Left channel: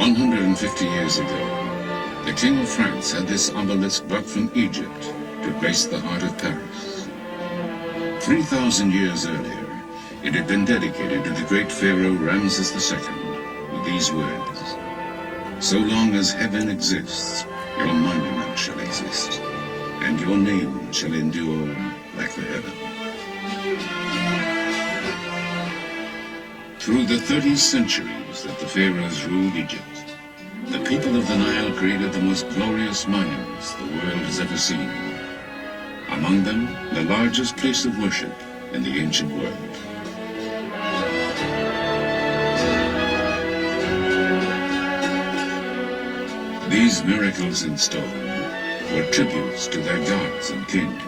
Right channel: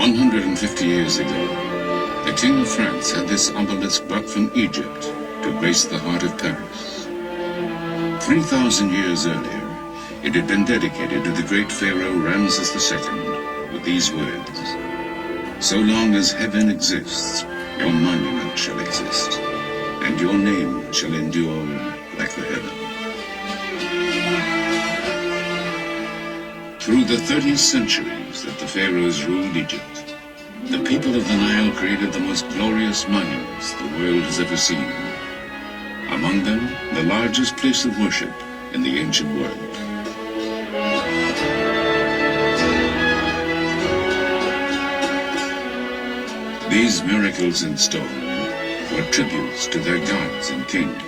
150 years ago, the King of France had this obelisk brought from Egypt to grace the heart of Paris. 3,000 years earlier, it had been dedicated to the great pharaoh Ramses II with these words, "So long as heaven exists, your monument shall exist, and your name shall endure like the heaven." Through the 30 centuries that the pharaohs ruled Egypt, the people of the Nile created the most glorious monuments the world has ever seen. Among them, the largest place of worship in the ancient world. These miracles in stone were tributes to their gods and kings.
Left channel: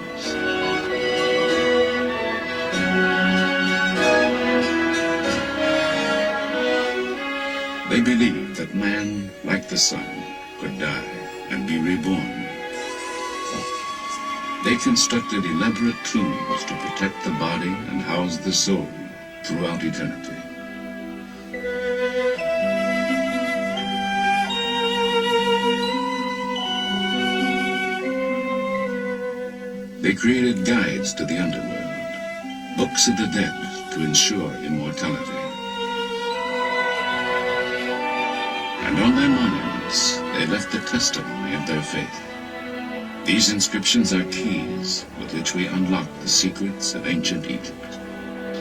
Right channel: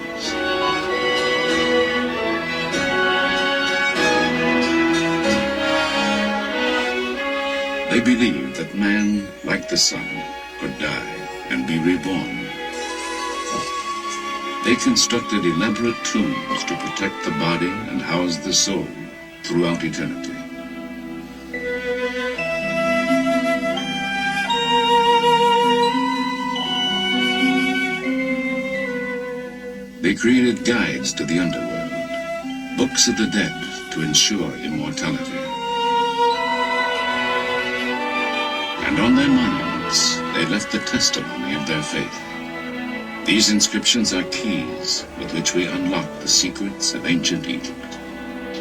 They believed that man, like the sun, could die and be reborn. They constructed elaborate tombs to protect the body and house the soul throughout eternity. They created guides to the underworld, books of the dead to ensure immortality. And on their monuments, they left the testimony of their faith. These inscriptions are keys with which we unlock the secrets of ancient Egypt.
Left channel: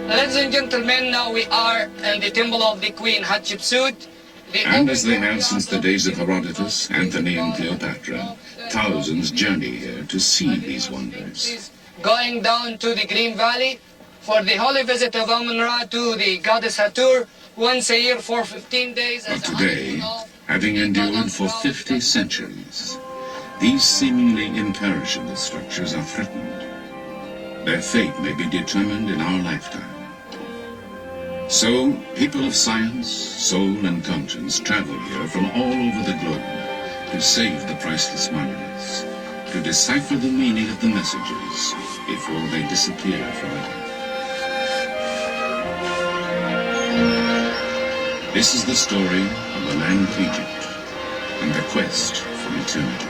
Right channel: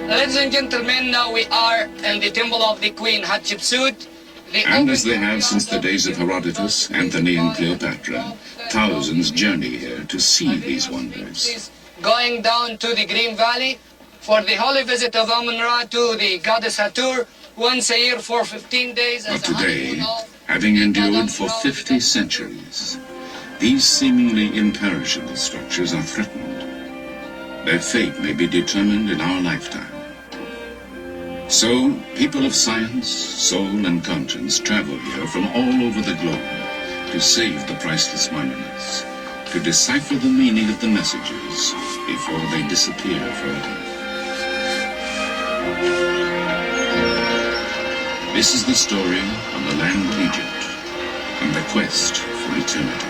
Ladies and gentlemen, now we are in the temple of the Queen Hatshepsut. And as they have since the days of Herodotus, Anthony and Cleopatra, thousands journey here to see these wonders. Going down to the Green Valley for the holy visit of Amun-Ra to the goddess Hathor once a year for 15 days. But today, having endured for 50 centuries, these seemingly imperishable structures are threatened. Their fate may be determined in our lifetime. So, people of science, soul, and conscience travel here from all over the globe to save the priceless monuments, to decipher the meaning of the messages before they disappear forever. This is the story of the land of Egypt and the quest for eternity.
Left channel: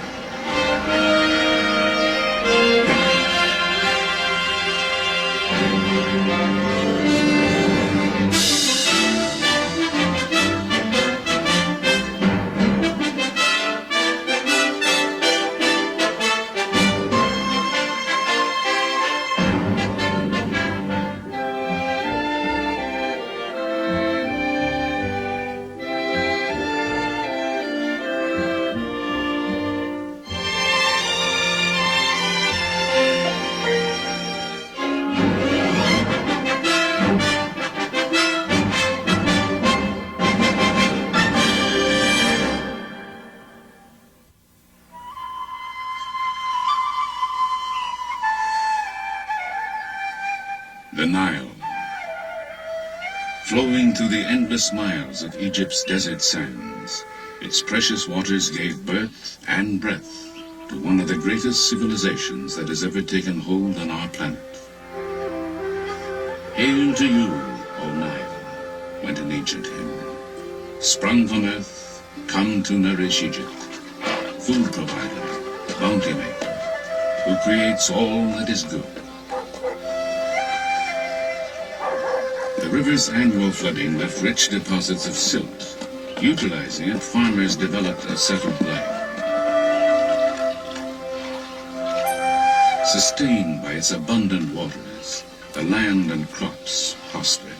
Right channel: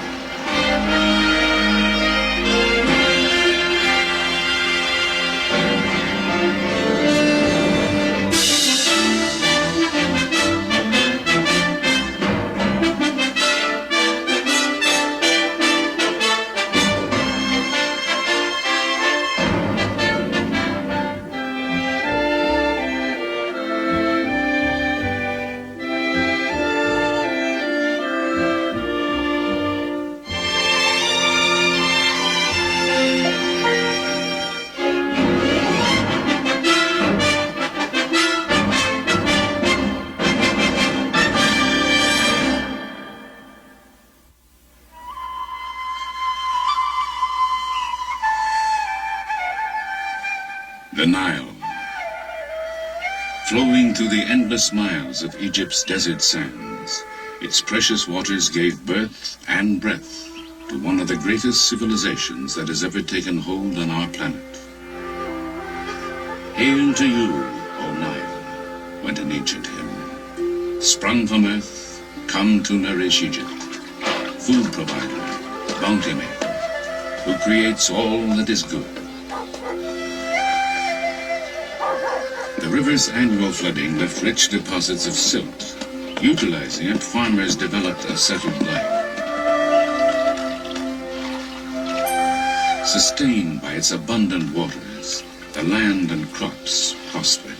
The Nile, flowing through the endless miles of Egypt's desert sands, its precious waters gave birth and breath to one of the greatest civilizations that has ever taken hold on our planet. Hail to you, O Nile, went an ancient hymn. Sprung from earth, come to nourish Egypt, food provider, bounty maker, who creates all that is good. The river's annual flooding left rich deposits of silt. Utilizing it, farmers developed a settled life. Sustained by its abundant waters, the land and crops prospered.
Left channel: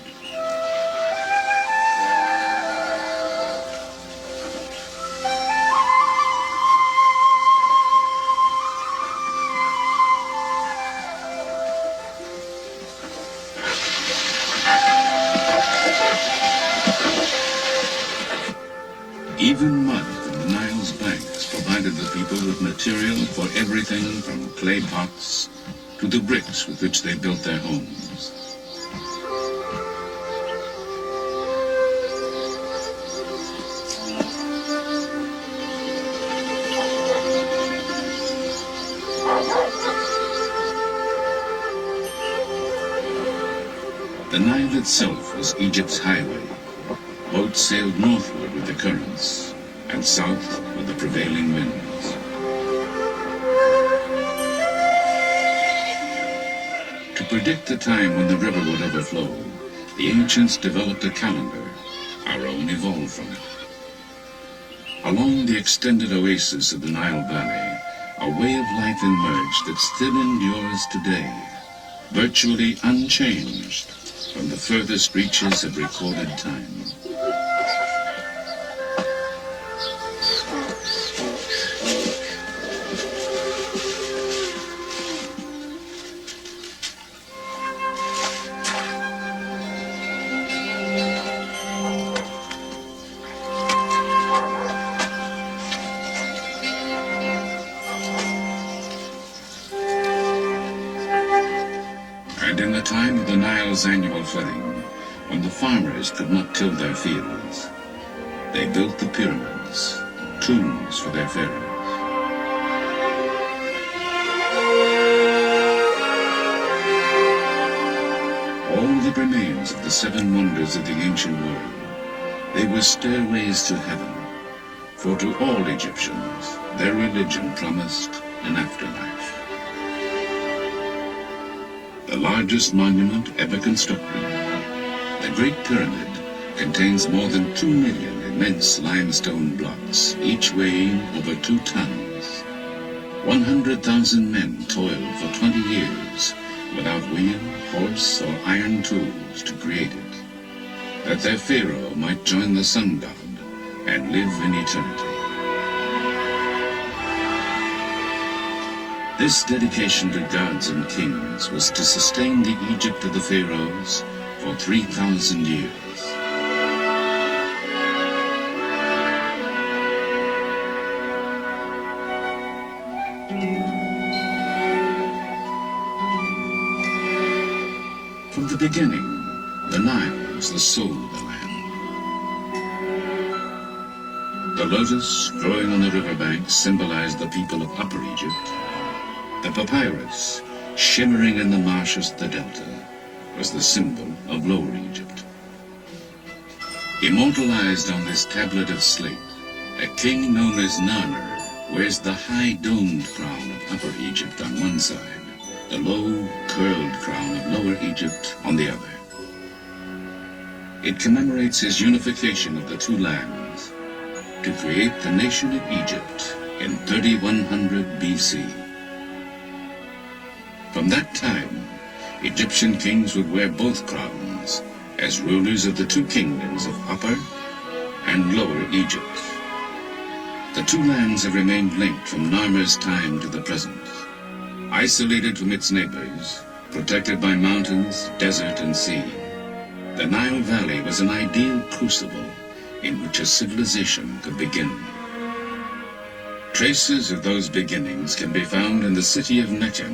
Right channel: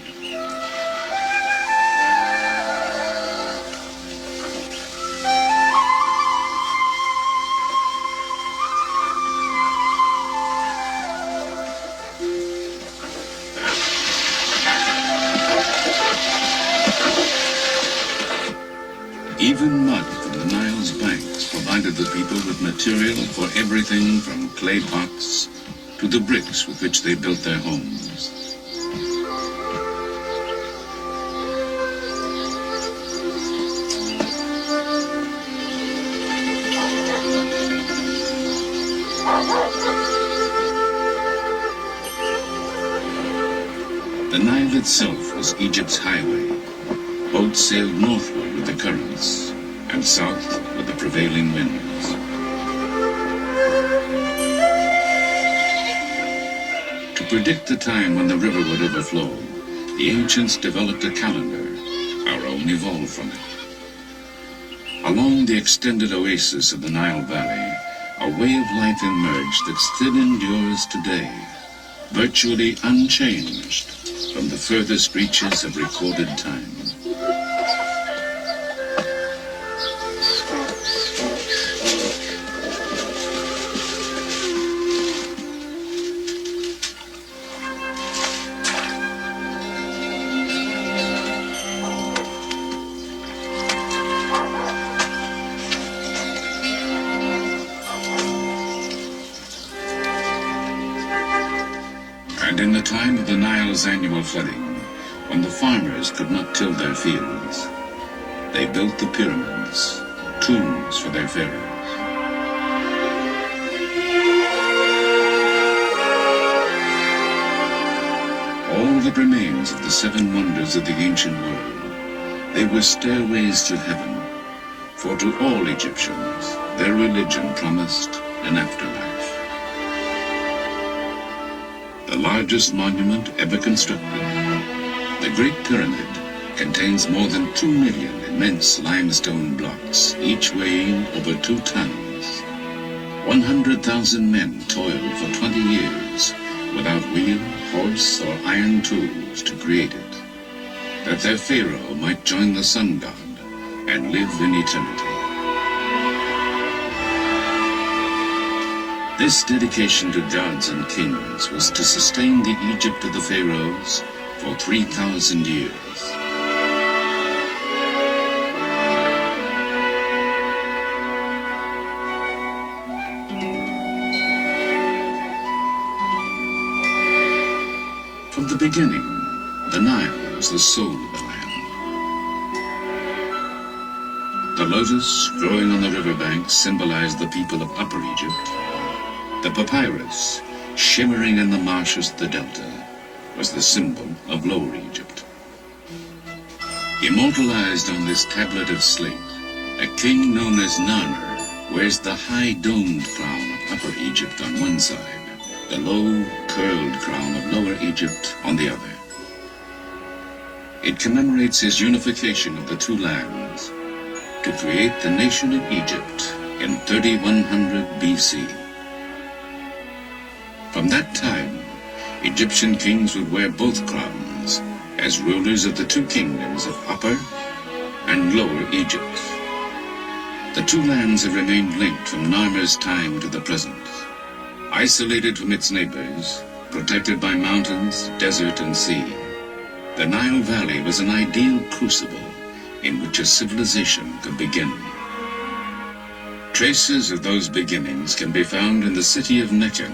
Even mud from the Nile's banks provided the people with material for everything from clay pots to the bricks with which they built their homes. The Nile itself was Egypt's highway. Boats sailed northward with the currents, and south with the prevailing winds. To predict the time when the river would overflow, the ancients developed a calendar. Our own evolved from it. Along the extended oasis of the Nile Valley, a way of life emerged that still endures today, virtually unchanged from the furthest reaches of recorded time. And in the time of the Nile's annual flooding, when the farmers could not till their fields, they built the pyramids, tombs for their pharaohs. All that remains of the seven wonders of the ancient world, they were stairways to heaven, for to all Egyptians, their religion promised an afterlife. The largest monument ever constructed, the Great Pyramid, contains more than 2 million immense limestone blocks, each weighing over 2 tons. 100,000 men toiled for 20 years without wheel, horse, or iron tools to create it, that their pharaoh might join the sun god and live in eternity. This dedication to gods and kings was to sustain the Egypt of the pharaohs for 3,000 years. From the beginning, the Nile was the soul of the land. The lotus growing on the riverbanks symbolized the people of Upper Egypt. The papyrus, shimmering in the marshes of the delta, was the symbol of Lower Egypt. Immortalized on this tablet of slate, a king known as Narmer wears the high domed crown of Upper Egypt on one side, the low, curled crown of Lower Egypt on the other. It commemorates his unification of the two lands to create the nation of Egypt in 3100 BC. From that time, Egyptian kings would wear both crowns as rulers of the two kingdoms of Upper and Lower Egypt. The two lands have remained linked from Narmer's time to the present, isolated from its neighbors, protected by mountains, desert, and sea. The Nile Valley was an ideal crucible in which a civilization could begin. Traces of those beginnings can be found in the city of Mecca.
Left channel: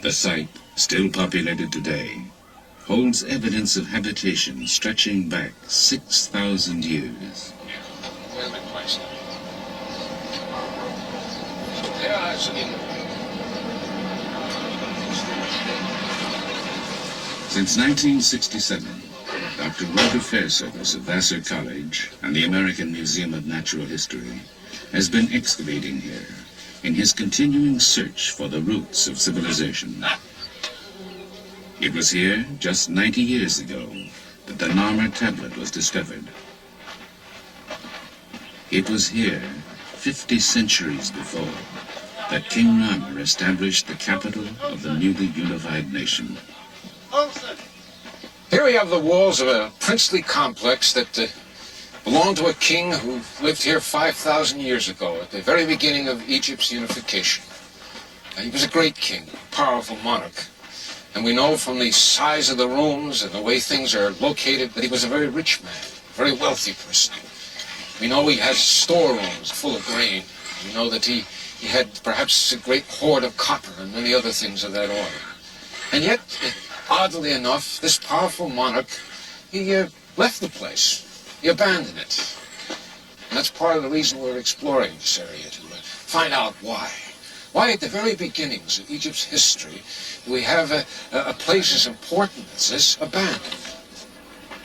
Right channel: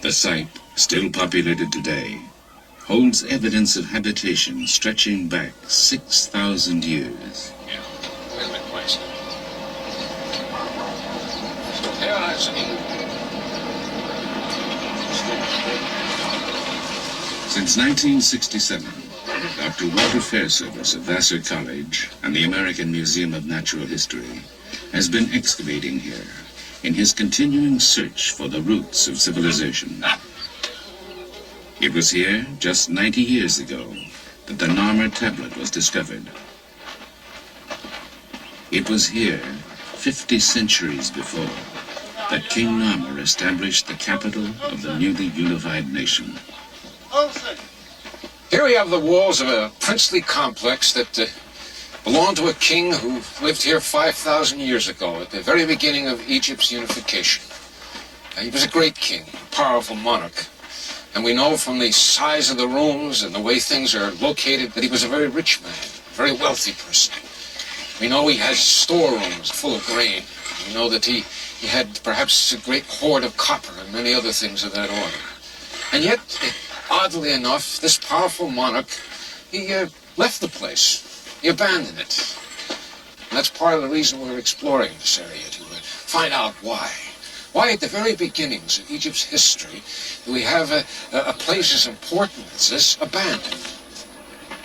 The site, still populated today, holds evidence of habitation stretching back 6,000 years. Since 1967, Dr. Walter Fairservice of Vassar College and the American Museum of Natural History has been excavating here in his continuing search for the roots of civilization. It was here, just 90 years ago, that the Narmer tablet was discovered. It was here, 50 centuries before, that King Narmer established the capital of the newly unified nation. Here we have the walls of a princely complex that belonged to a king who lived here 5,000 years ago at the very beginning of Egypt's unification. He was a great king, a powerful monarch. And we know from the size of the rooms and the way things are located that he was a very rich man, a very wealthy person. We know he has storerooms full of grain. We know that he had perhaps a great hoard of copper and many other things of that order. And yet, oddly enough, this powerful monarch, he left the place. He abandoned it. And that's part of the reason we're exploring this area, to find out why. Why at the very beginnings of Egypt's history do we have a place as important as this abandoned?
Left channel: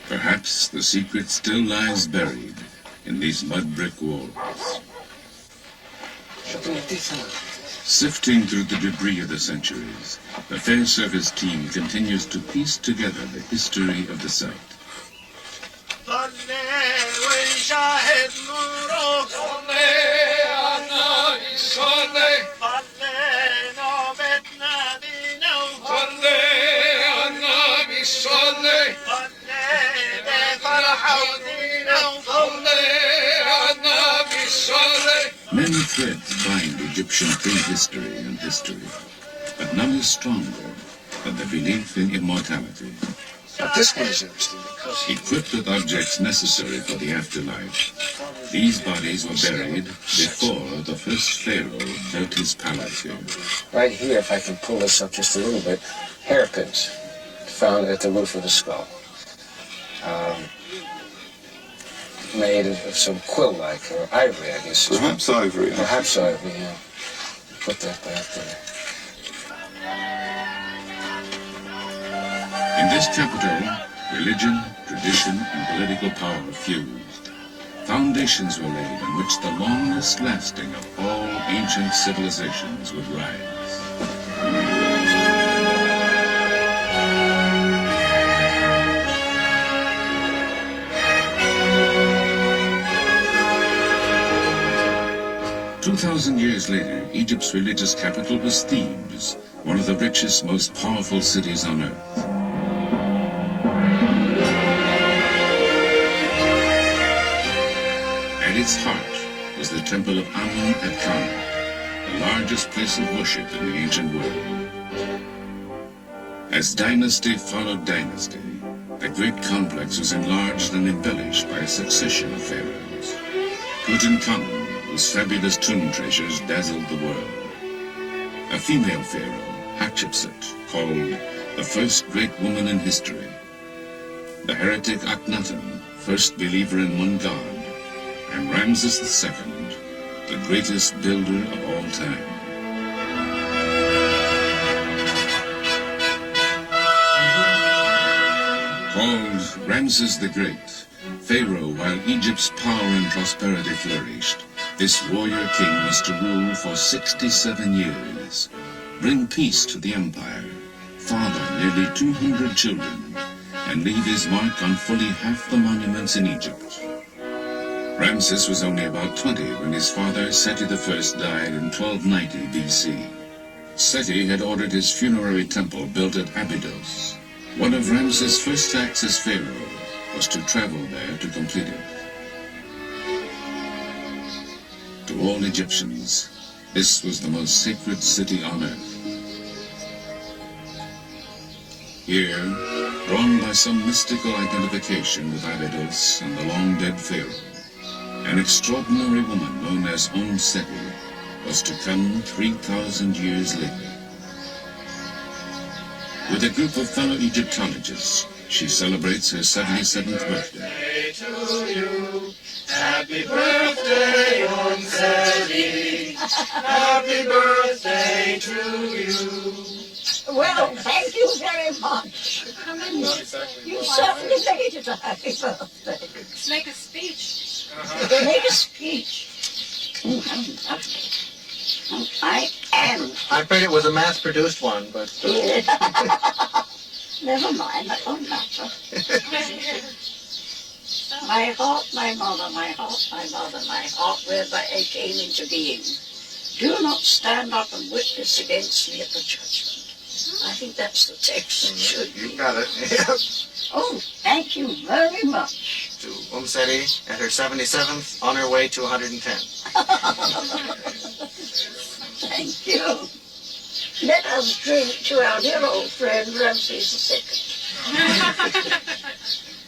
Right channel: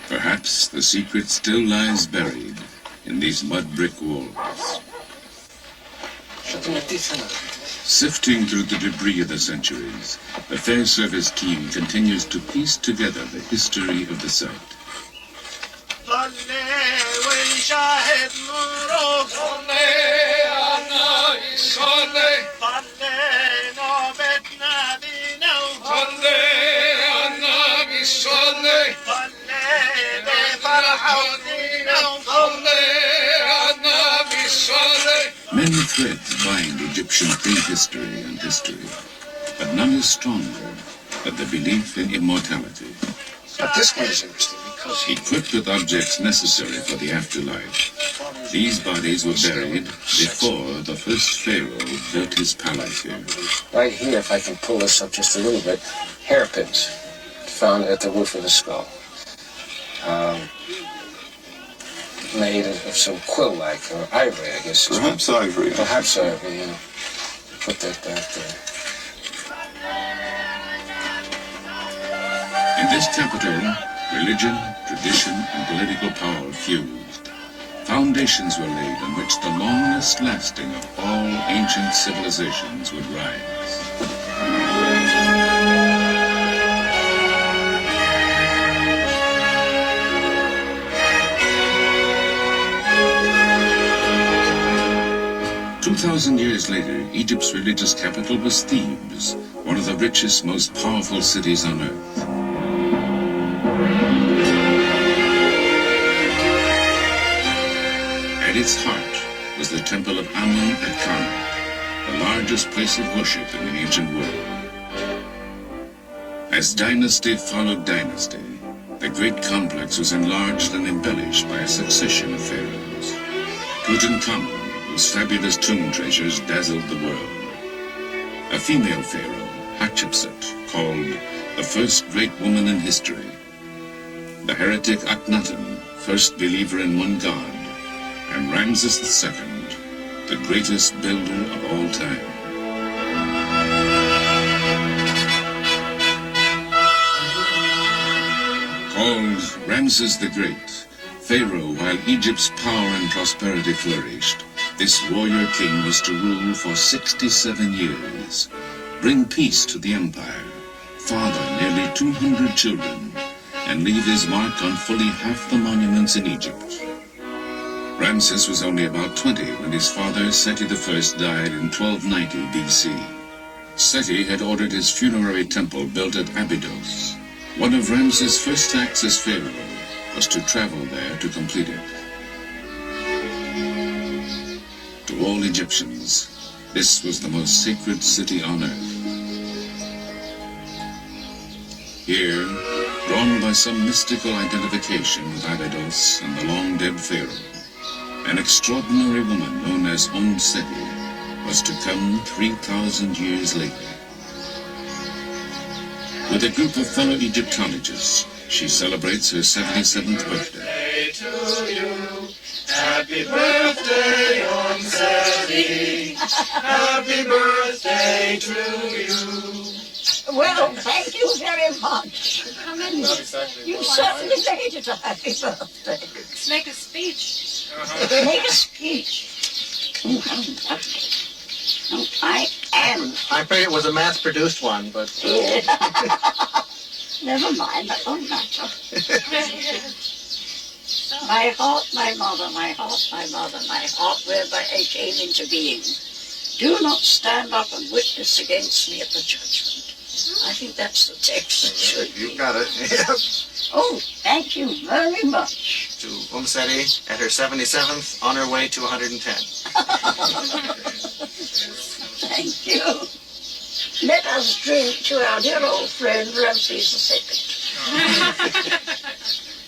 Perhaps the secret still lies buried in these mud brick walls. Sifting through the debris of the centuries, the Fair Service team continues to piece together the history of the site. Many threads bind Egyptian prehistory and history, but none is stronger than the belief in immortality. But this one is interesting because Equipped with objects necessary for the afterlife, these bodies were buried before the first pharaoh built his palace here. right here, if I can pull this up just a little bit, hairpins found at the roof of the skull. Made of some quill-like, or ivory, I guess. Perhaps ivory. Perhaps ivory, yeah. Put that back there. In this capital, religion, tradition, and political power fused. Foundations were laid on which the longest lasting of all ancient civilizations would rise. "2,000 years later, Egypt's religious capital was Thebes, one of the richest, most powerful cities on earth. At its heart was the temple of Amun at Karnak, the largest place of worship in the ancient world. As dynasty followed dynasty, the great complex was enlarged and embellished by a succession of pharaohs. Tutankhamun, whose fabulous tomb treasures dazzled the world. A female pharaoh, Hatshepsut, called the first great woman in history. The heretic Akhenaten, first believer in one god. And Ramses II, the greatest builder of all time. Called Ramses the Great, Pharaoh, while Egypt's power and prosperity flourished, this warrior king was to rule for 67 years, bring peace to the empire, father nearly 200 children, and leave his mark on fully half the monuments in Egypt. Ramses was only about 20 when his father, Seti I, died in 1290 BC. Seti had ordered his funerary temple built at Abydos. One of Ramses' first acts as pharaoh was to travel there to complete it. To all Egyptians, this was the most sacred city on earth. Here, drawn by some mystical identification with Abydos and the long-dead pharaoh, an extraordinary woman known as Seti was to come 3,000 years later. With a group of fellow Egyptologists, she celebrates her 77th birthday. To you. Happy birthday, Seti. Happy birthday to you. Well, thank you very much. You certainly made it a happy birthday. Let's make a speech. Make a speech. Oh, how lovely. Oh, I am. I'm afraid it was a mass-produced one, but... Never mind, that won't matter. My heart, my mother, my heart, my mother, my heart, whereby I came into being. Do not stand up and witness against me at the judgment. I think that's the text. It should be. You got it. Oh, thank you very much. To Seti at her 77th, on her way to 110. Thank you. Let us drink to our dear old friend Ramses II.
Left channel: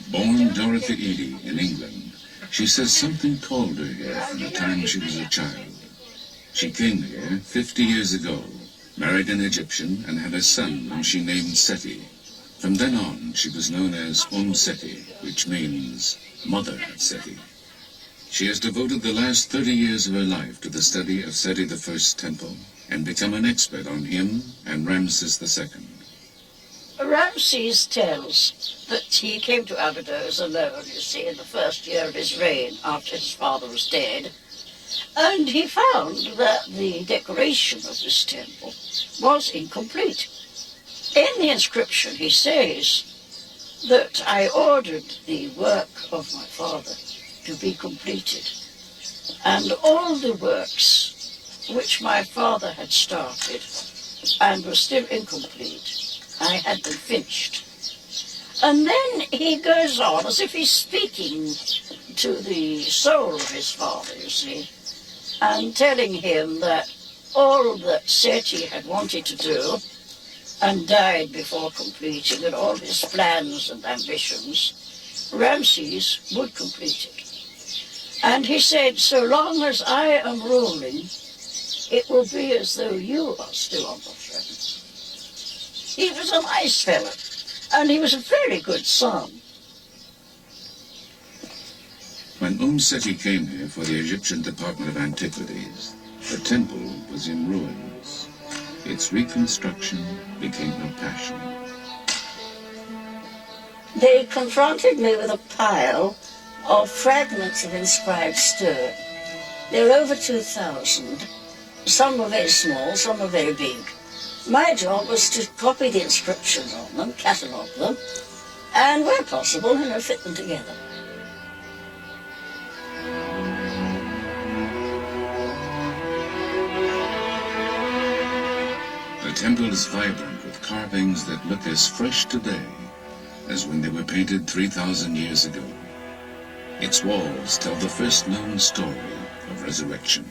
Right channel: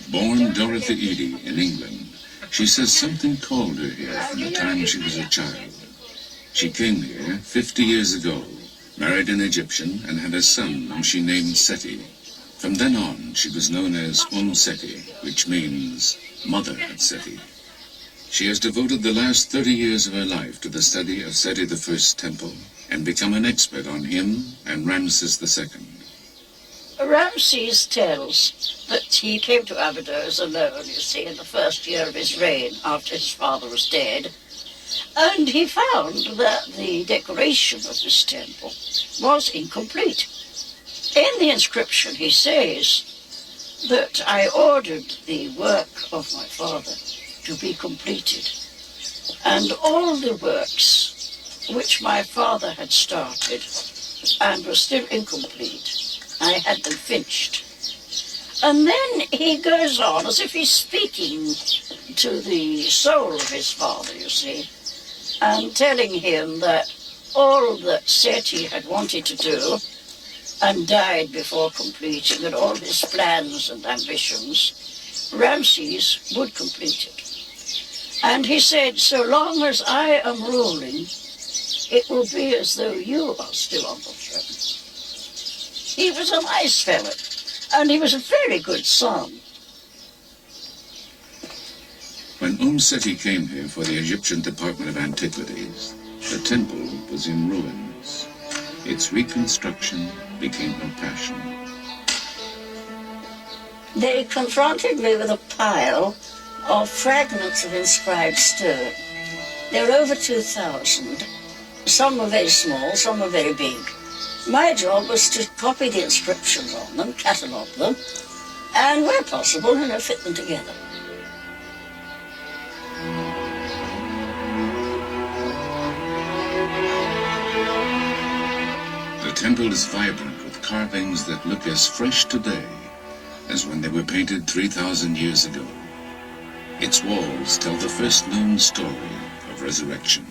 Born Dorothy Eady in England, she says something called her here from the time she was a child. She came here 50 years ago, married an Egyptian, and had a son whom she named Seti. From then on, she was known as Seti, which means Mother at Seti. She has devoted the last 30 years of her life to the study of Seti I's temple and become an expert on him and Ramses II. Ramses tells that he came to Abydos alone, you see, in the first year of his reign after his father was dead. And he found that the decoration of this temple was incomplete. In the inscription, he says that I ordered the work of my father to be completed. And all the works which my father had started and were still incomplete, I had them finished. And then he goes on as if he's speaking to the soul of his father, you see, and telling him that all that Seti had wanted to do and died before completing, and all his plans and ambitions, Ramses would complete it. And he said, so long as I am ruling, it will be as though you are still on the throne. He was a nice fellow, and he was a very good son. When Seti came here for the Egyptian Department of Antiquities, the temple was in ruins. Its reconstruction became her passion. They confronted me with a pile of fragments of inscribed stone. There were over 2,000. Some were very small, some were very big. My job was to copy the inscriptions on them, catalogue them, and where possible, fit them together. The temple is vibrant with carvings that look as fresh today as when they were painted 3,000 years ago. Its walls tell the first known story of resurrection.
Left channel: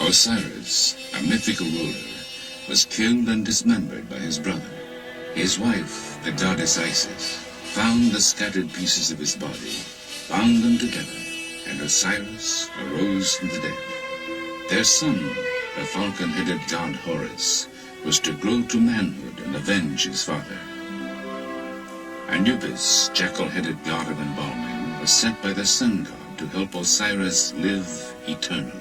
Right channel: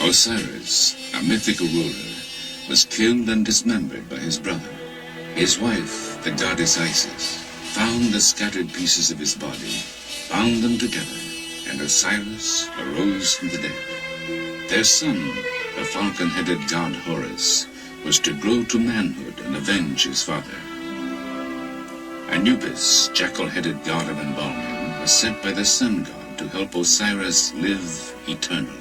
Osiris, a mythical ruler, was killed and dismembered by his brother. His wife, the goddess Isis, found the scattered pieces of his body, bound them together, and Osiris arose from the dead. Their son, the falcon-headed god Horus, was to grow to manhood and avenge his father. Anubis, jackal-headed god of embalming, was sent by the sun god to help Osiris live eternally.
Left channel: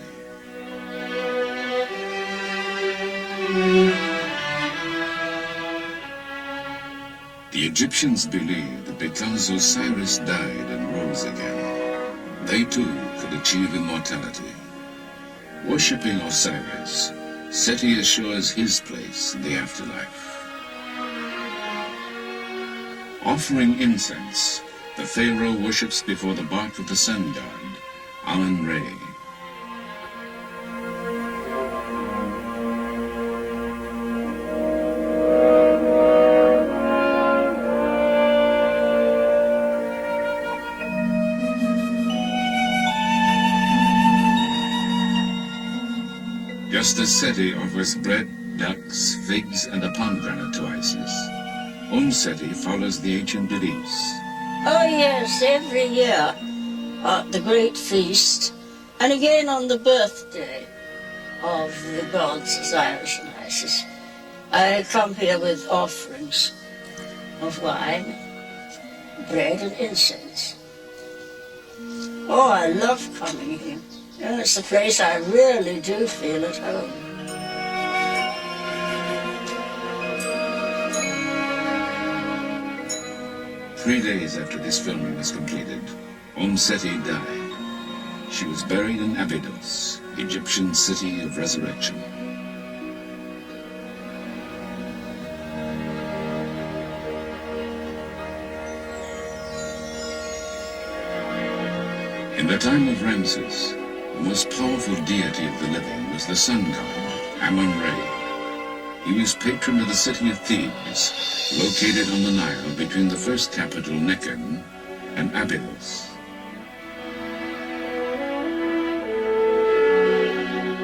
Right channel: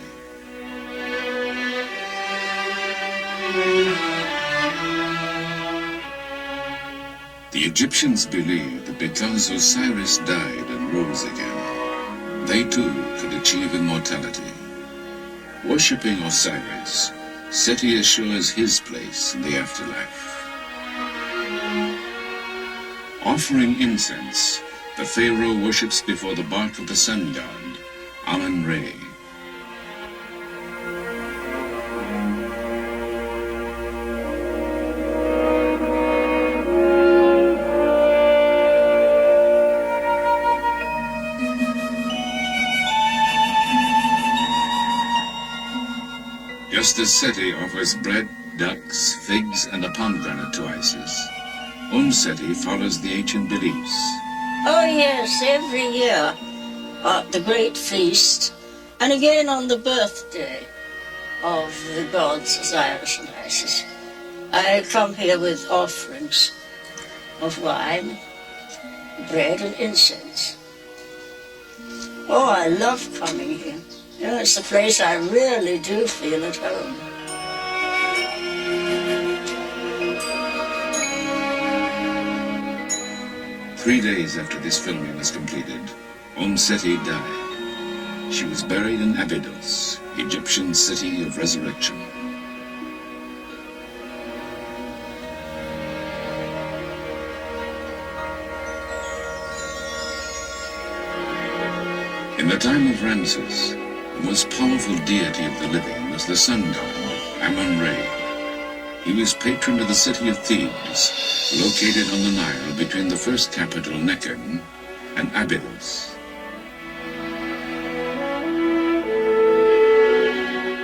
The Egyptians believed that because Osiris died and rose again, they too could achieve immortality. Worshipping Osiris, Seti assures his place in the afterlife. Offering incense, the pharaoh worships before the bark of the sun god, Amun-Re. Just as Seti offers bread, ducks, figs, and a pomegranate to Isis, Seti follows the ancient beliefs. Oh yes, every year at the great feast, and again on the birthday of the gods Osiris and Isis, I come here with offerings of wine, bread, and incense. Oh, I love coming here. It's the place I really do feel at home. Three days after this filming was completed, Seti died. She was buried in Abydos, Egyptian city of resurrection. In the time of Ramses, the most powerful deity of the living was the sun god, Amun-Re. He was patron of the city of Thebes, located on the Nile between the first capital, Nekhen, and Abydos.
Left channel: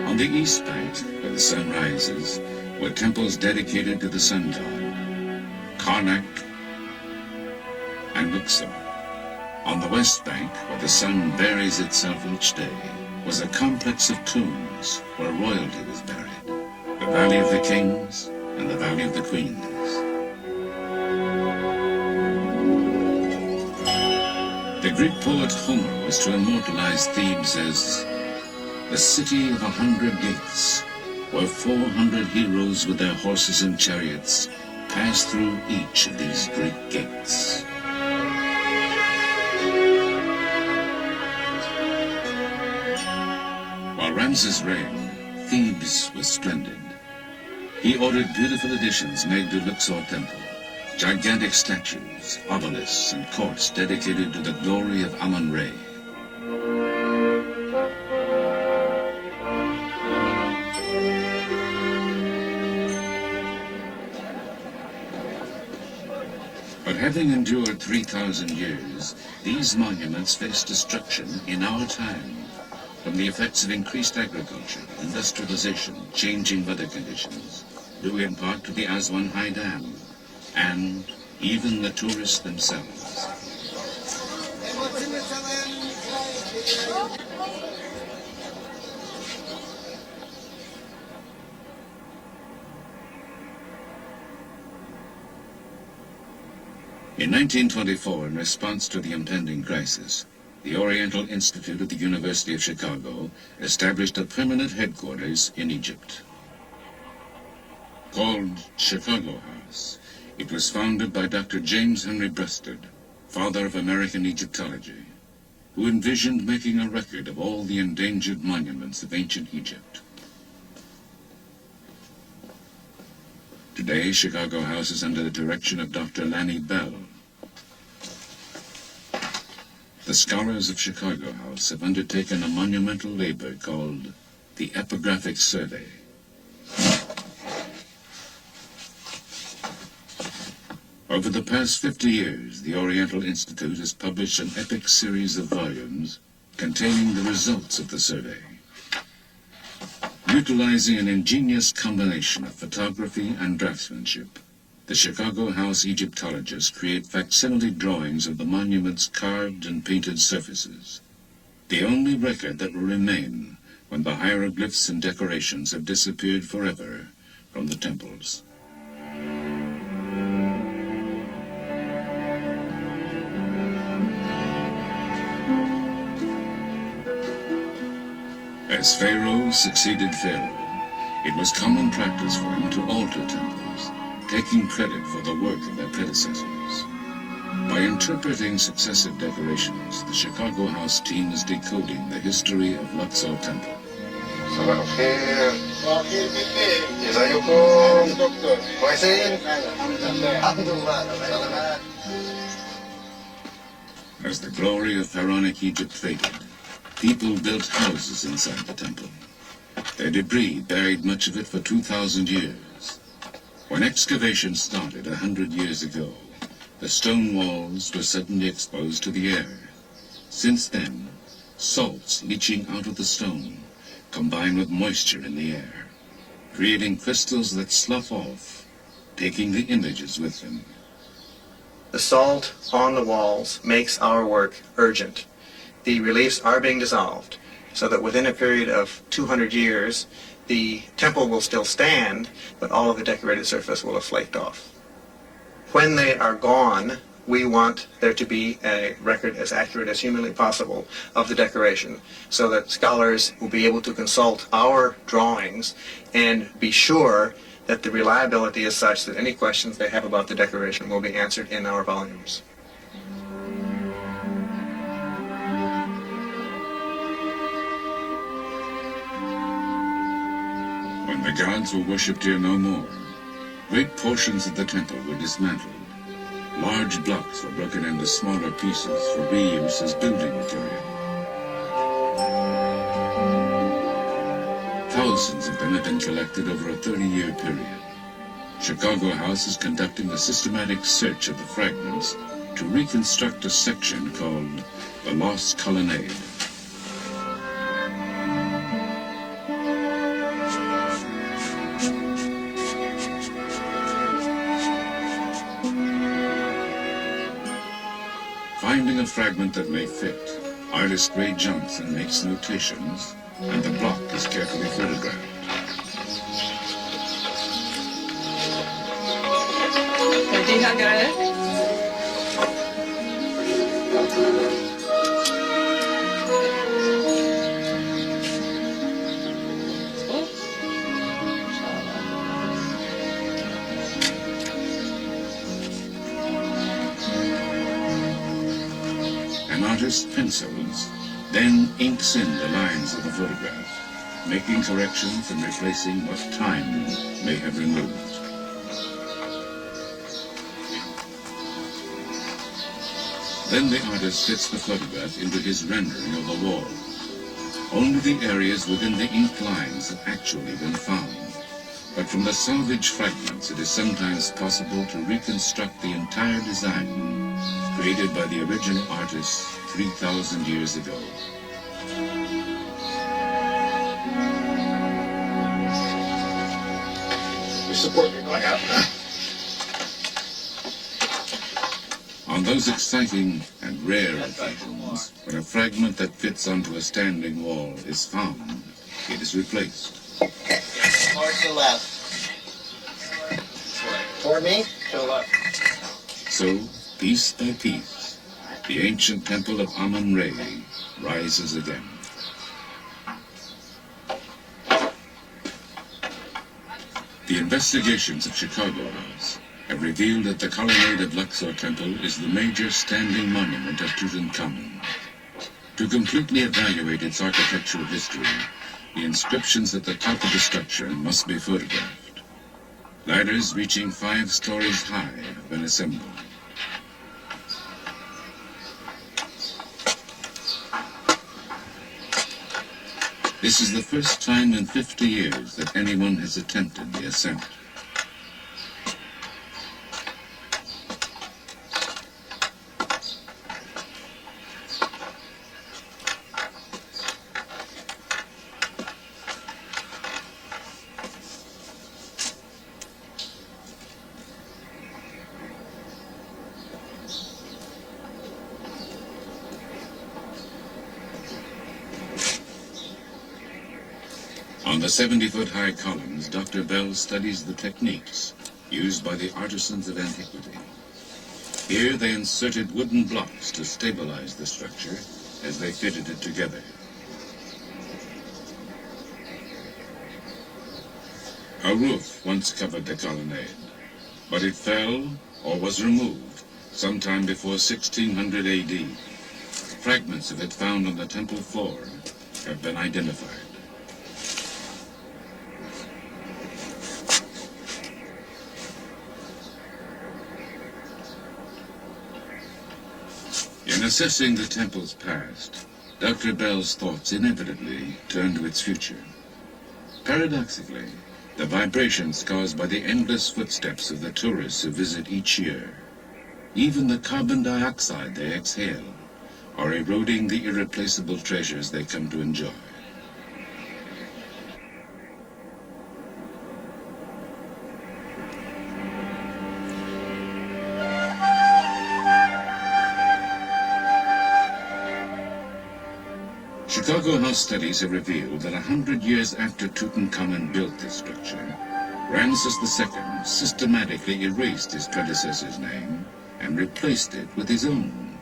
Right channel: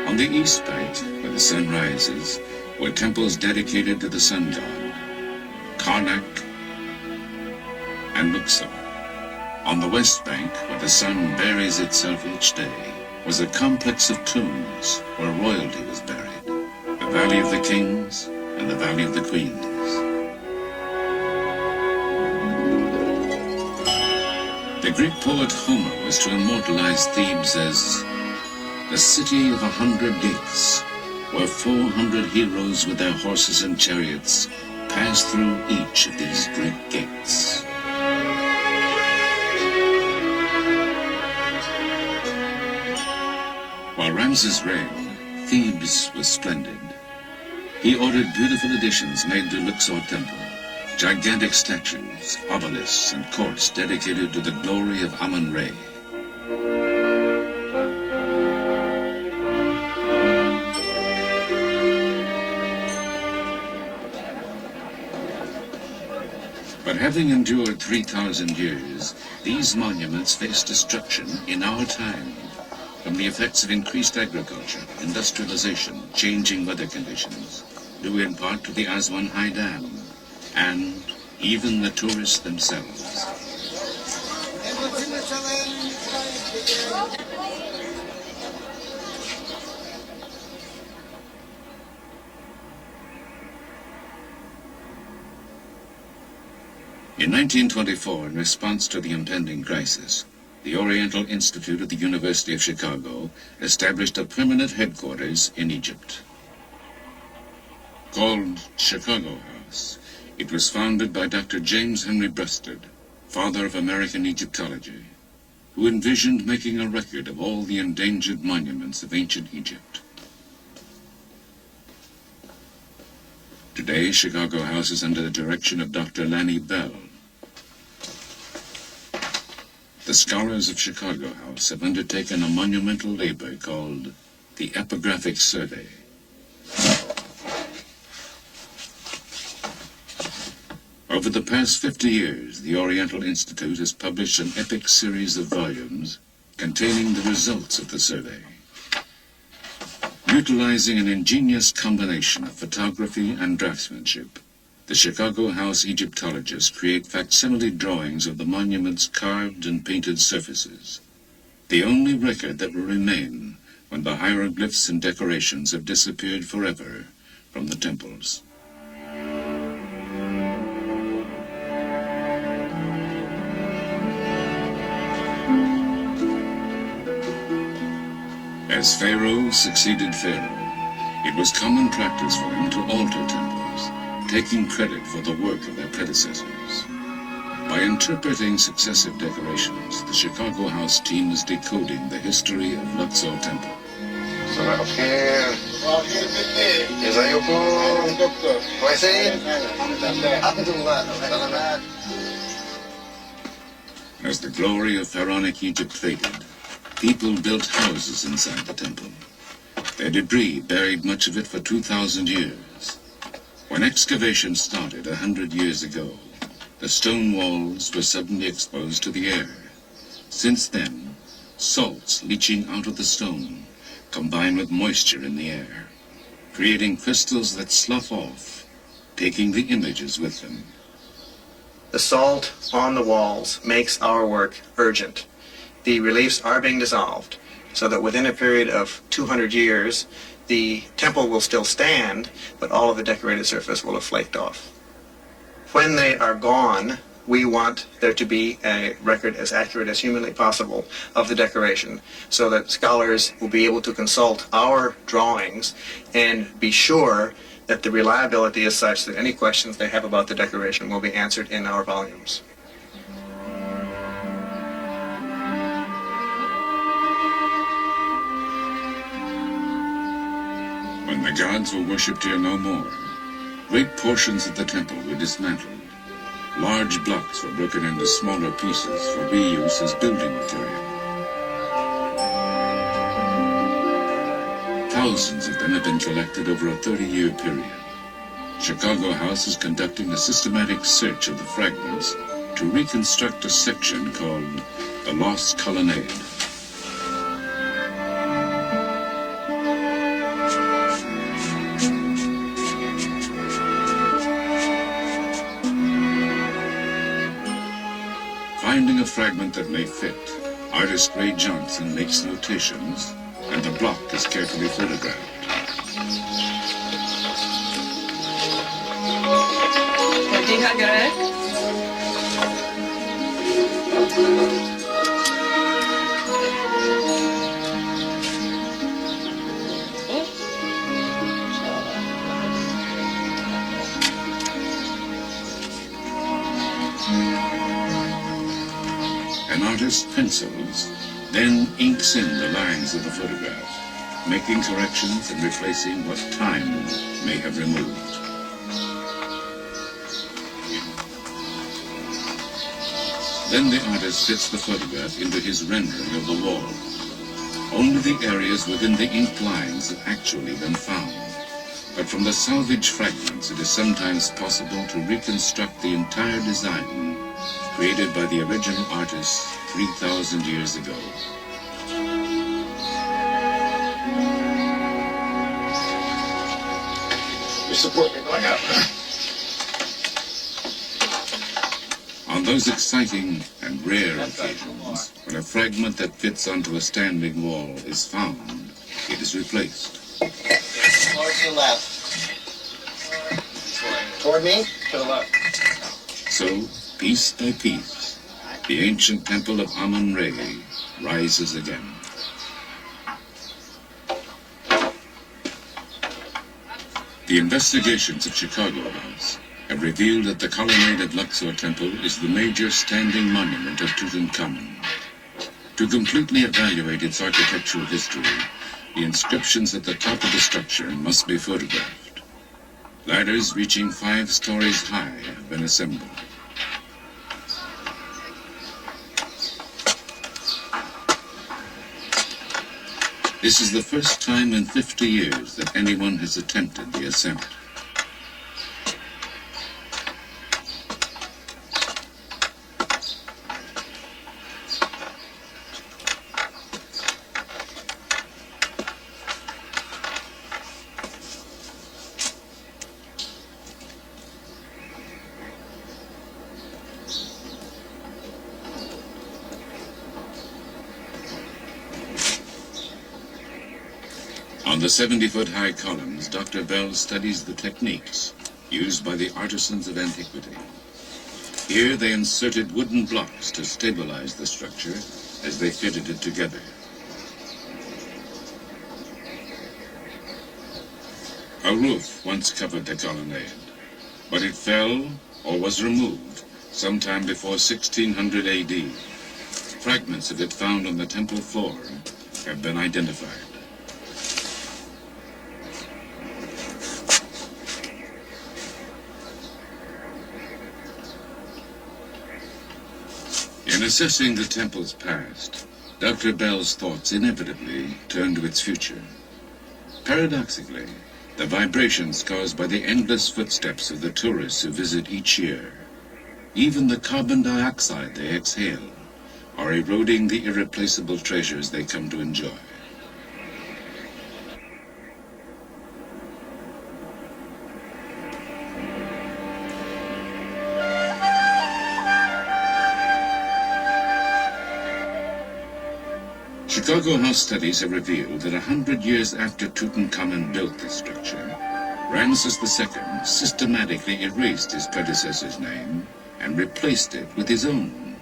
On the east bank, where the sun rises, were temples dedicated to the sun god, Karnak and Luxor. On the west bank, where the sun buries itself each day, was a complex of tombs where royalty was buried. The Valley of the Kings and the Valley of the Queens. The Greek poet Homer was to immortalize Thebes as the city of 100 gates, where 400 heroes with their horses and chariots pass through each of these great gates. While Ramses reigned, Thebes was splendid. He ordered beautiful additions made to Luxor Temple, gigantic statues, obelisks, and courts dedicated to the glory of Amun-Re. But having endured 3,000 years, these monuments face destruction in our time from the effects of increased agriculture, industrialization, changing weather conditions, due in part to the Aswan High Dam, and even the tourists themselves. In 1924, in response to the impending crisis, the Oriental Institute at the University of Chicago established a permanent headquarters in Egypt. Called Chicago House, it was founded by Dr. James Henry Breasted, father of American Egyptology, who envisioned making a record of all the endangered monuments of ancient Egypt. Today, Chicago House is under the direction of Dr. Lanny Bell. The scholars of Chicago House have undertaken a monumental labor called the Epigraphic Survey. Over the past 50 years, the Oriental Institute has published an epic series of volumes containing the results of the survey. Utilizing an ingenious combination of photography and draftsmanship, the Chicago House Egyptologists create facsimile drawings of the monument's carved and painted surfaces, the only record that will remain when the hieroglyphs and decorations have disappeared forever from the temples. As Pharaoh succeeded Pharaoh, it was common practice for them to alter temples, taking credit for the work of their predecessors. By interpreting successive decorations, the Chicago House team is decoding the history of Luxor Temple. صباح الخير. ازيكم؟ دكتور. كويسين؟ الحمد لله. As the glory of pharaonic Egypt faded, people built houses inside the temple. Their debris buried much of it for 2,000 years. When excavation started 100 years ago, the stone walls were suddenly exposed to the air. Since then, salts leaching out of the stone combine with moisture in the air, creating crystals that slough off, taking the images with them. The salt on the walls makes our work urgent. The reliefs are being dissolved so that within a period of 200 years, the temple will still stand, but all of the decorated surface will have flaked off. When they are gone, we want there to be a record as accurate as humanly possible of the decoration so that scholars will be able to consult our drawings and be sure that the reliability is such that any questions they have about the decoration will be answered in our volumes. When the gods were worshipped here no more, great portions of the temple were dismantled. Large blocks were broken into smaller pieces for reuse as building material. Thousands of them have been collected over a 30-year period. Chicago House is conducting a systematic search of the fragments to reconstruct a section called the Lost Colonnade. Finding a fragment that may fit, artist Ray Johnson makes notations, and the block is carefully photographed. An artist pencils, then inks in the lines of the photograph, making corrections and replacing what time may have removed. Then the artist fits the photograph into his rendering of the wall. Only the areas within the inked lines have actually been found. But from the salvaged fragments, it is sometimes possible to reconstruct the entire design created by the original artist 3,000 years ago. Your support me going out. On those exciting and rare occasions, when a fragment that fits onto a standing wall is found, it is replaced. More to the left. Toward me? To the left. So, piece by piece, the ancient temple of Amun-Re rises again. The investigations of Chicagoans have revealed that the colonnade of Luxor Temple is the major standing monument of Tutankhamun. To completely evaluate its architectural history, the inscriptions at the top of the structure must be photographed. Ladders reaching 5 stories high have been assembled. This is the first time in 50 years that anyone has attempted the ascent. On the 70-foot-high columns, Dr. Bell studies the techniques used by the artisans of antiquity. Here they inserted wooden blocks to stabilize the structure as they fitted it together. A roof once covered the colonnade, but it fell or was removed sometime before 1600 AD. Fragments of it found on the temple floor have been identified. In assessing the temple's past, Dr. Bell's thoughts inevitably turn to its future. Paradoxically, the vibrations caused by the endless footsteps of the tourists who visit each year, even the carbon dioxide they exhale, are eroding the irreplaceable treasures they come to enjoy. Chicago House studies have revealed that 100 years after Tutankhamun built this structure, Ramses II systematically erased his predecessor's name and replaced it with his own,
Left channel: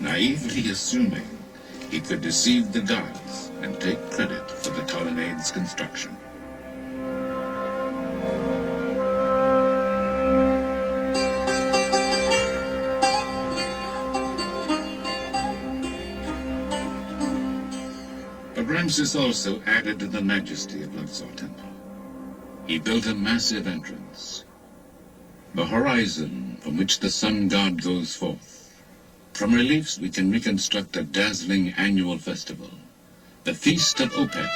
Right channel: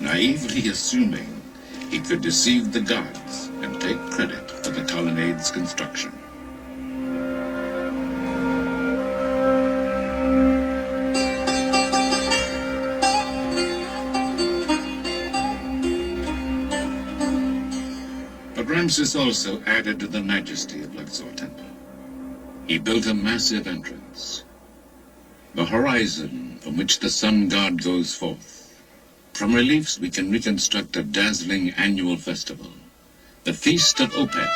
naively assuming he could deceive the gods and take credit for the colonnade's construction. But Ramses also added to the majesty of Luxor Temple. He built a massive entrance, the horizon from which the sun god goes forth. From reliefs we can reconstruct a dazzling annual festival, the Feast of Opet.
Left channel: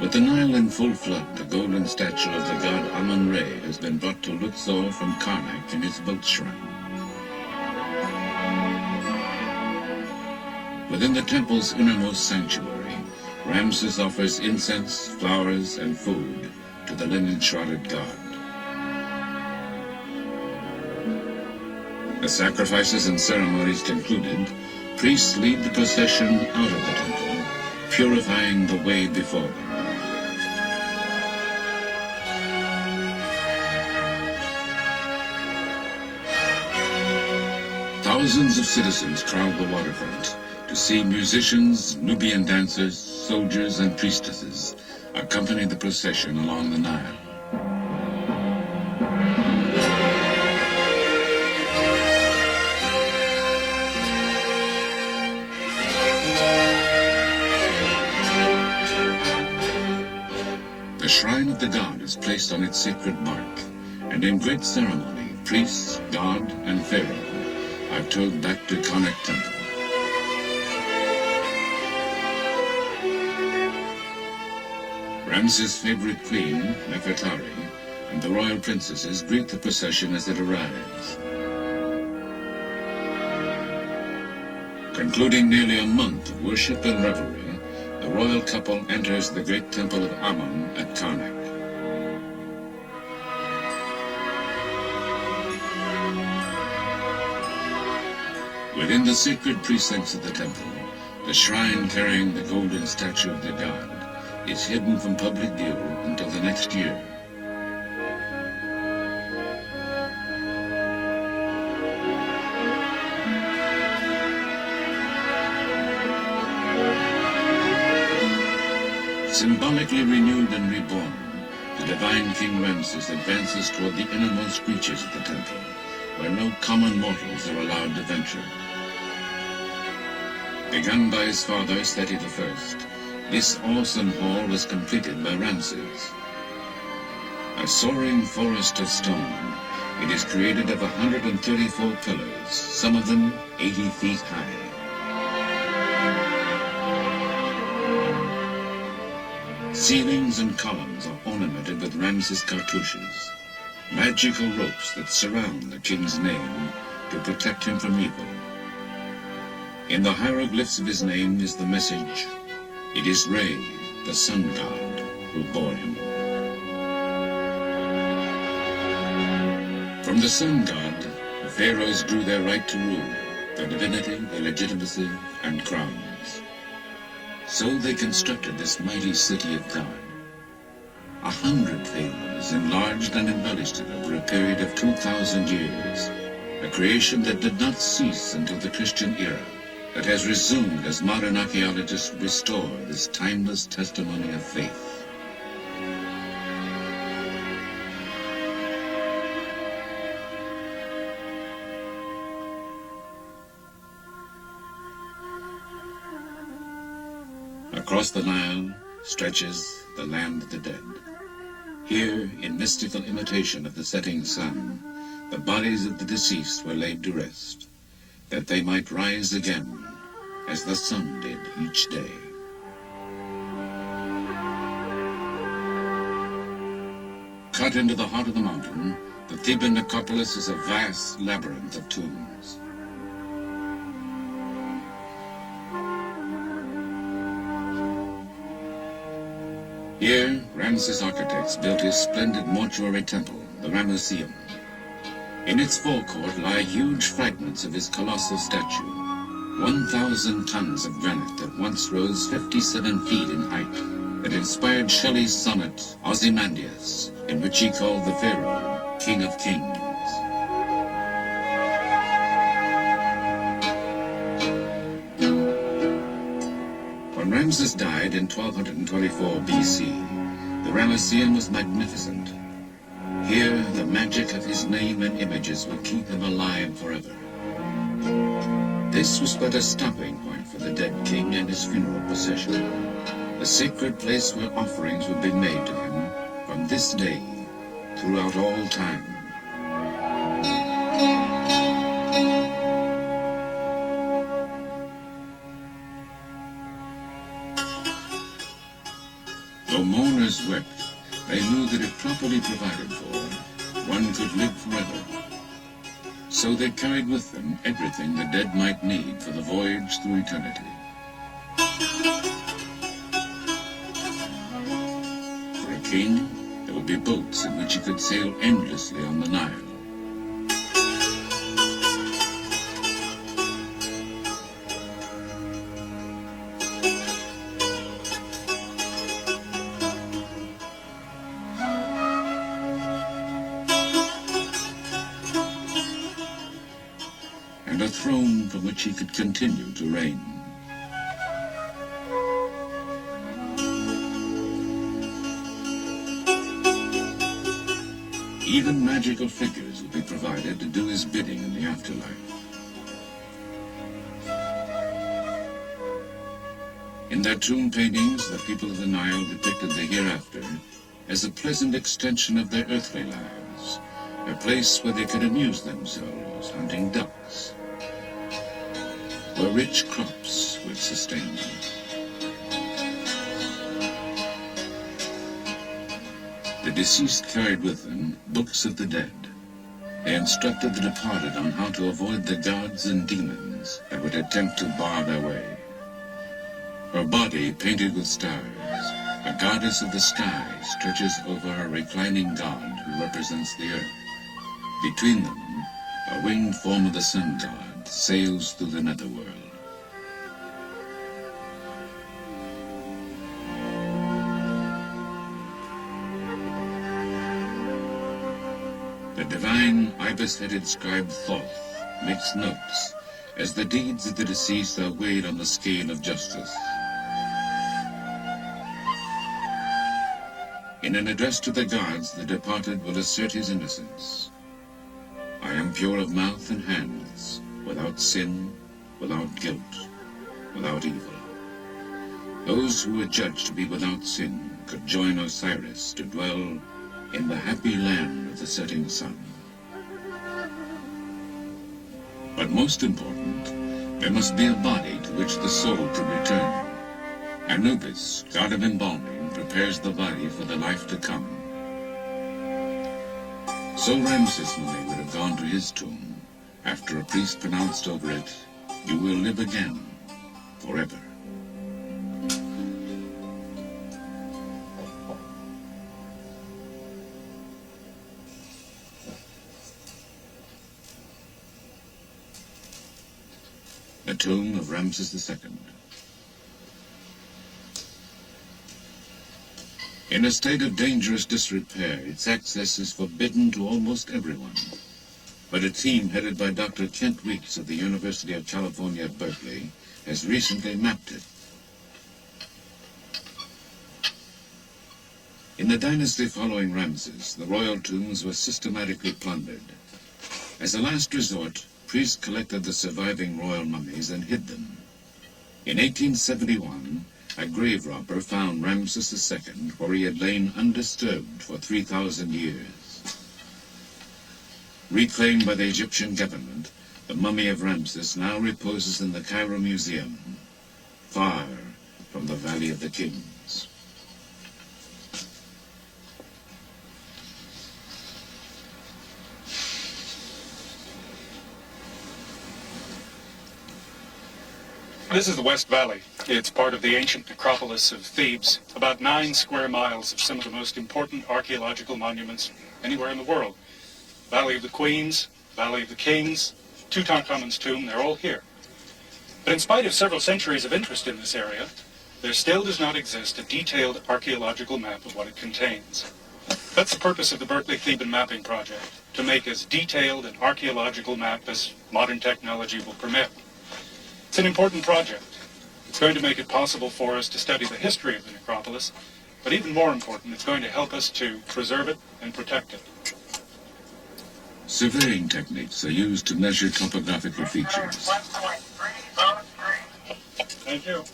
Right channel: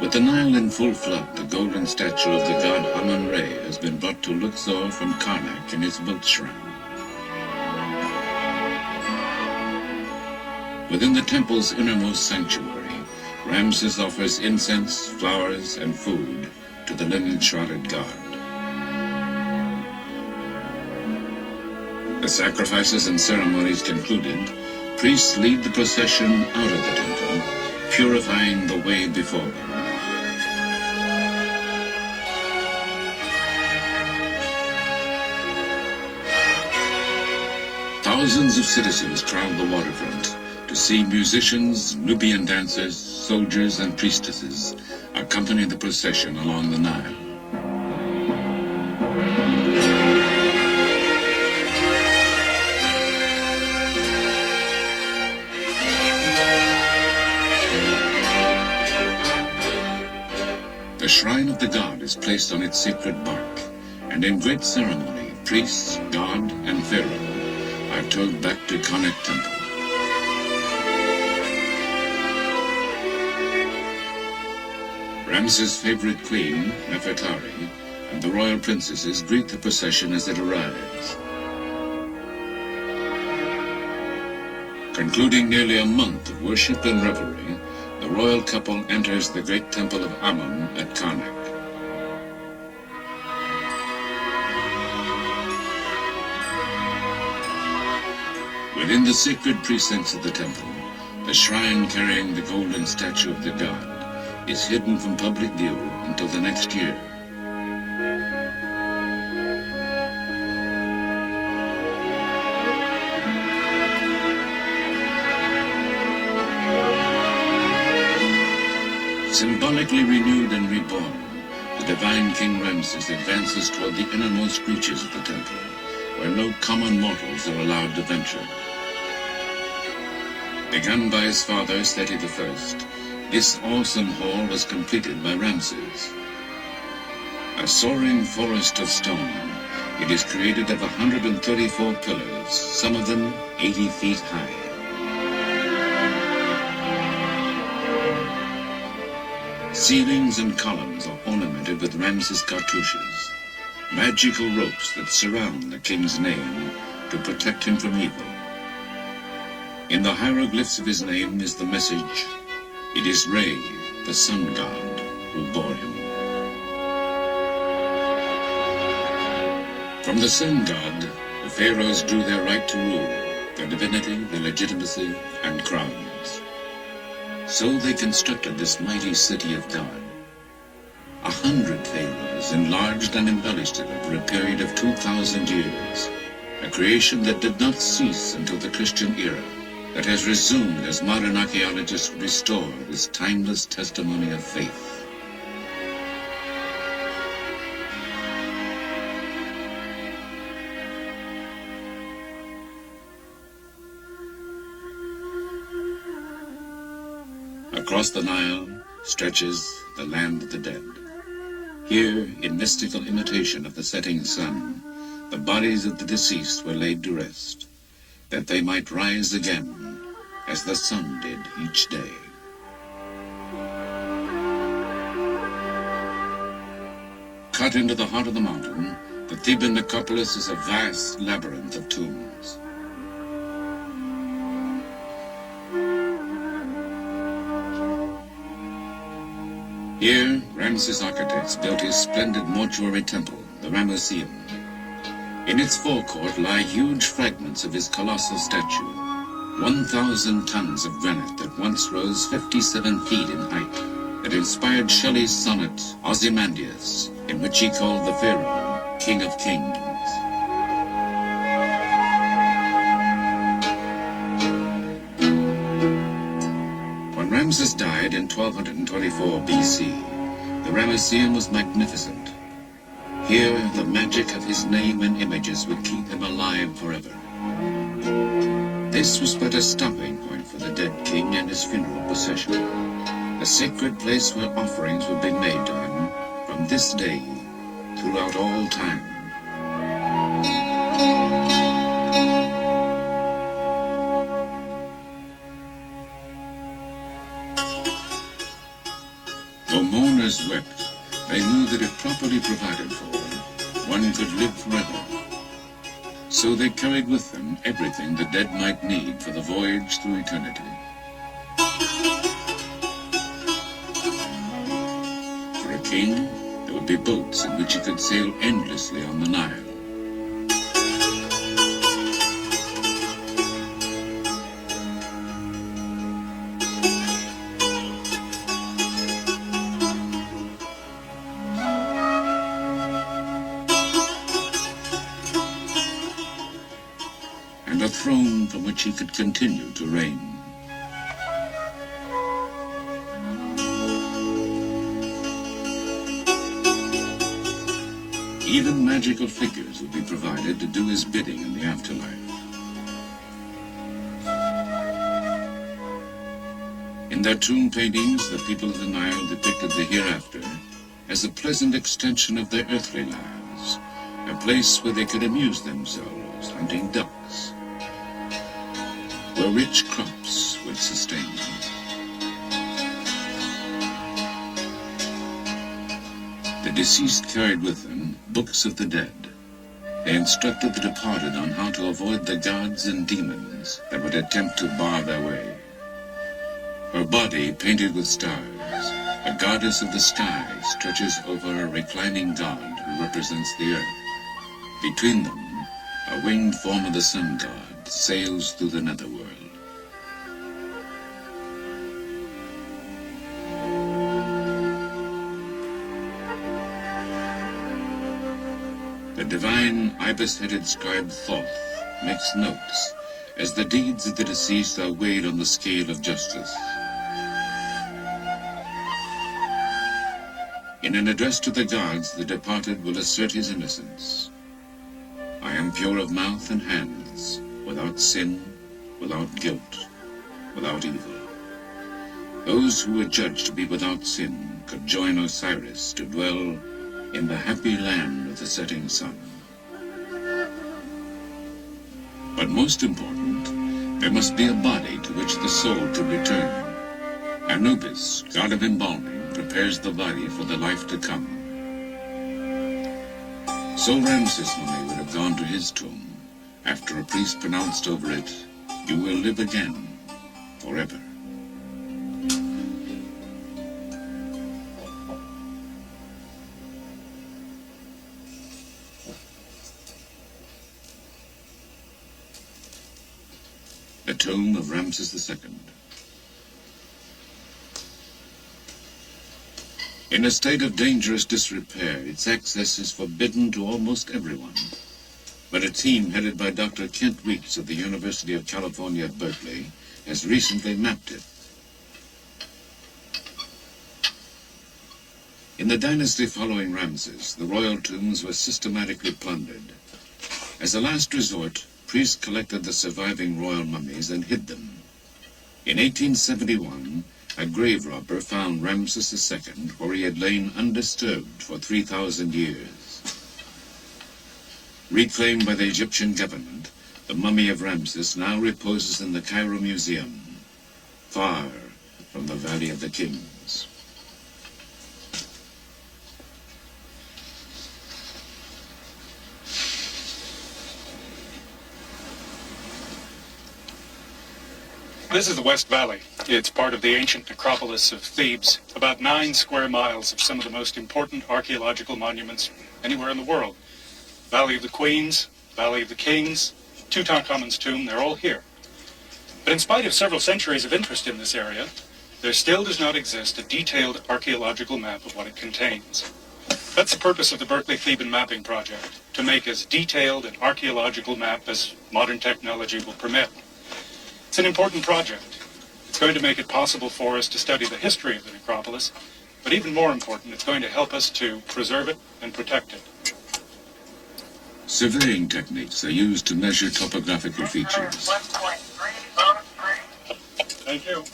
With the Nile in full flood, the golden statue of the god Amun-Re has been brought to Luxor from Karnak in his boat shrine. Within the temple's innermost sanctuary, Ramses offers incense, flowers, and food to the linen-shrouded god. The sacrifices and ceremonies concluded, priests lead the procession out of the temple, purifying the way before them. Thousands of citizens crowd the waterfront, to see musicians, Nubian dancers, soldiers, and priestesses accompany the procession along the Nile. The shrine of the god is placed on its sacred bark, and in great ceremony, priests, god, and pharaoh are towed back to Karnak Temple. Ramses' favorite queen, Nefertari, and the royal princesses greet the procession as it arrives. Concluding nearly a month of worship and revelry, the royal couple enters the great temple of Amun at Karnak. Within the sacred precincts of the temple, the shrine carrying the golden statue of the god is hidden from public view until the next year. Symbolically renewed and reborn, the divine King Ramses advances toward the innermost reaches of the temple, where no common mortals are allowed to venture. Begun by his father, Seti I, this awesome hall was completed by Ramses. A soaring forest of stone, it is created of 134 pillars, some of them 80 feet high. Ceilings and columns are ornamented with Ramses cartouches, magical ropes that surround the king's name to protect him from evil. In the hieroglyphs of his name is the message, "It is Re, the sun god, who bore him." From the sun god, the pharaohs drew their right to rule, their divinity, their legitimacy, and crowns. So they constructed this mighty city of God. 100 pharaohs enlarged and embellished it over a period of 2,000 years, a creation that did not cease until the Christian era, that has resumed as modern archaeologists restore this timeless testimony of faith. Across the Nile stretches the land of the dead. Here, in mystical imitation of the setting sun, the bodies of the deceased were laid to rest, that they might rise again as the sun did each day. Cut into the heart of the mountain, the Theban necropolis is a vast labyrinth of tombs. Here, Ramses' architects built his splendid mortuary temple, the Ramesseum. In its forecourt lie huge fragments of his colossal statue, 1,000 tons of granite that once rose 57 feet in height, that inspired Shelley's sonnet Ozymandias, in which he called the pharaoh King of Kings. When Ramses died in 1224 BC, the Ramesseum was magnificent. Here, the magic of his name and images would keep him alive forever. This was but a stopping point for the dead king and his funeral procession, a sacred place where offerings would be made to him from this day throughout all time. Though mourners wept, they knew that if properly provided for, one could live forever. So they carried with them everything the dead might need for the voyage through eternity. For a king, there would be boats in which he could sail endlessly on the Nile. And a throne from which he could continue to reign. Even magical figures would be provided to do his bidding in the afterlife. In their tomb paintings, the people of the Nile depicted the hereafter as a pleasant extension of their earthly lives, a place where they could amuse themselves hunting ducks, where rich crops would sustain them. The deceased carried with them books of the dead. They instructed the departed on how to avoid the gods and demons that would attempt to bar their way. Her body, painted with stars, a goddess of the sky, stretches over a reclining god who represents the earth. Between them, a winged form of the sun god sails through the netherworld. The divine ibis-headed scribe Thoth makes notes as the deeds of the deceased are weighed on the scale of justice. In an address to the gods, the departed will assert his innocence. I am pure of mouth and hands, without sin, without guilt, without evil. Those who were judged to be without sin could join Osiris to dwell in the happy land of the setting sun. But most important, there must be a body to which the soul could return. Anubis, god of embalming, prepares the body for the life to come. So Ramses Mummy would have gone to his tomb after a priest pronounced over it, "You will live again, forever." The tomb of Ramses II. In a state of dangerous disrepair, its access is forbidden to almost everyone. But a team headed by Dr. Kent Weeks of the University of California at Berkeley has recently mapped it. In the dynasty following Ramses, the royal tombs were systematically plundered. As a last resort, priests collected the surviving royal mummies and hid them. In 1871, a grave robber found Ramses II where he had lain undisturbed for 3,000 years. Reclaimed by the Egyptian government, the mummy of Ramses now reposes in the Cairo Museum, far from the Valley of the Kings. This is the West Valley. It's part of the ancient necropolis of Thebes, about 9 square miles of some of the most important archaeological monuments anywhere in the world. Valley of the Queens, Valley of the Kings, Tutankhamun's tomb, they're all here. But in spite of several centuries of interest in this area, there still does not exist a detailed archaeological map of what it contains. That's the purpose of the Berkeley Theban Mapping Project, to make as detailed an archaeological map as modern technology will permit. It's an important project. It's going to make it possible for us to study the history of the necropolis, but even more important, it's going to help us to preserve it and protect it. Surveying techniques are used to measure topographical features. Thank you.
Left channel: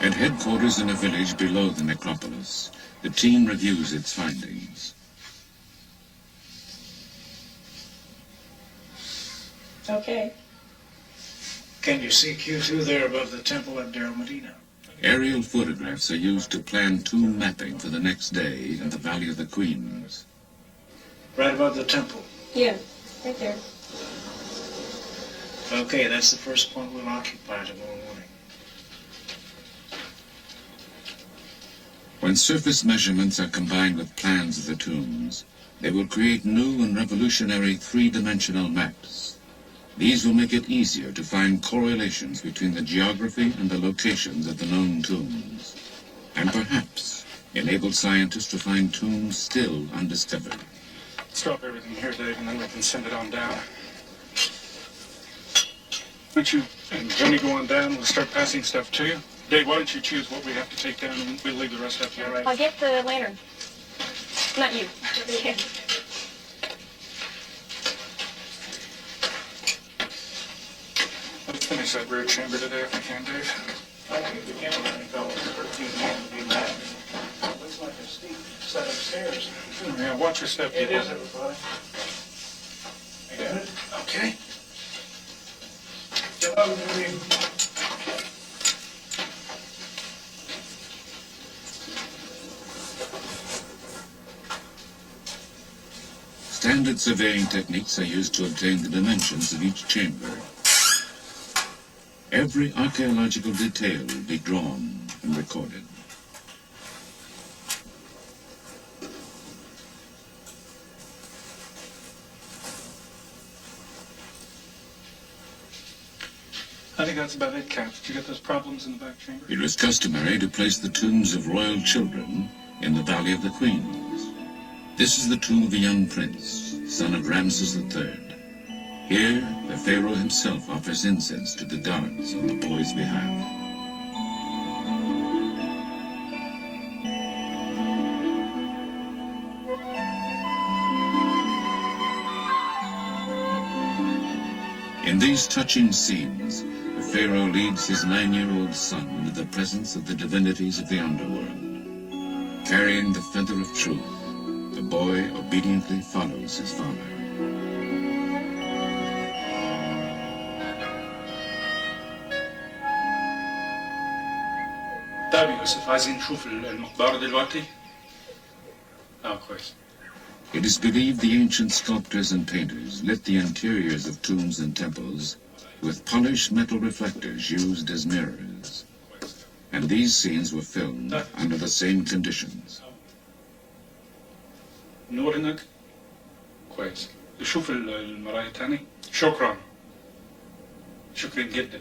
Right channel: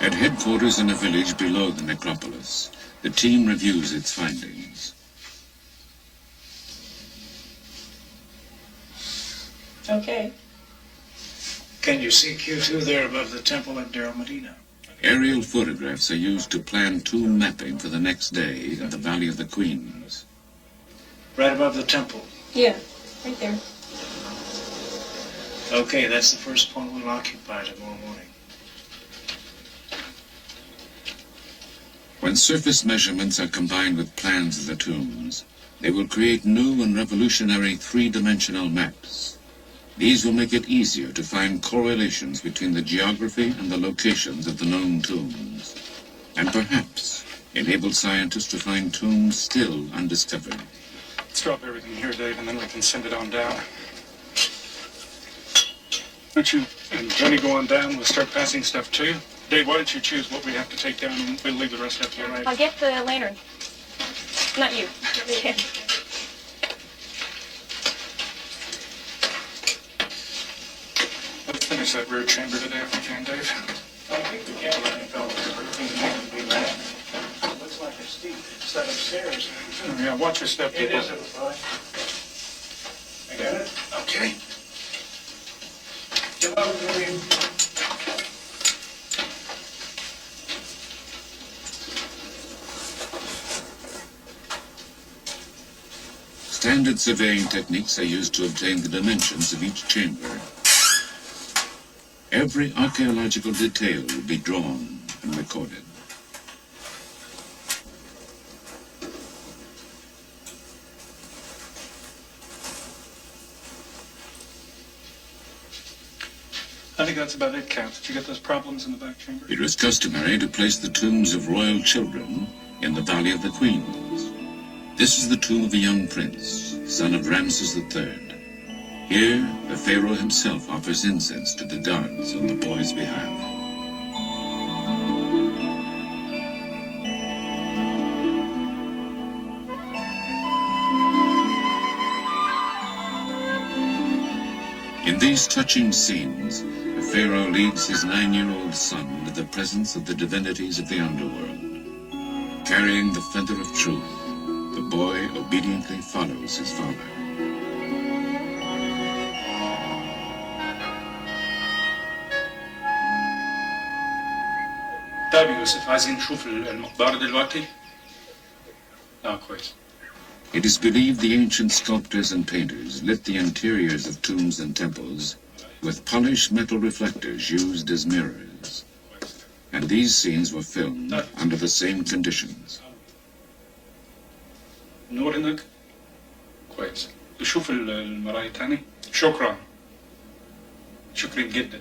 At headquarters in a village below the necropolis, the team reviews its findings. Okay. Can you see Q2 there above the temple at Deir Medina? Aerial photographs are used to plan tomb mapping for the next day in the Valley of the Queens. Right above the temple? Yeah, right there. Okay, that's the first point we'll occupy tomorrow morning. When surface measurements are combined with plans of the tombs, they will create new and revolutionary three-dimensional maps. These will make it easier to find correlations between the geography and the locations of the known tombs, and perhaps enable scientists to find tombs still undiscovered. Let's drop everything here, Dave, and then we can send it on down. don't you and Jenny go on down? We'll start passing stuff to you. Dave, why don't you choose what we have to take down, and we'll leave the rest up here. All right. I'll get the lantern. Not you. Let's finish that rear chamber today if we can, Dave. I think we can, fellas. 13 years to be back. It looks like a steep set of stairs. Yeah, watch your step, It people. is, everybody. I got it? Okay. You're welcome, William. Standard surveying techniques are used to obtain the dimensions of each chamber. Every archaeological detail will be drawn and recorded. I think that's about it, Kat. Did you get those problems in the back chamber? It was customary to place the tombs of royal children in the Valley of the Queens. This is the tomb of a young prince, son of Ramses III. Here, the pharaoh himself offers incense to the gods on the boy's behalf. In these touching scenes, the pharaoh leads his 9-year-old son into the presence of the divinities of the underworld. Carrying the feather of truth, the boy obediently follows his father. طيب يوسف عايزين نشوف المقبرة دلوقتي؟ كويس. It is believed the ancient sculptors and painters lit the interiors of tombs and temples with polished metal reflectors used as mirrors. And these scenes were filmed under the same conditions. نور هناك؟ كويس. شوف المراية تاني. شكرا. شكرا جدا.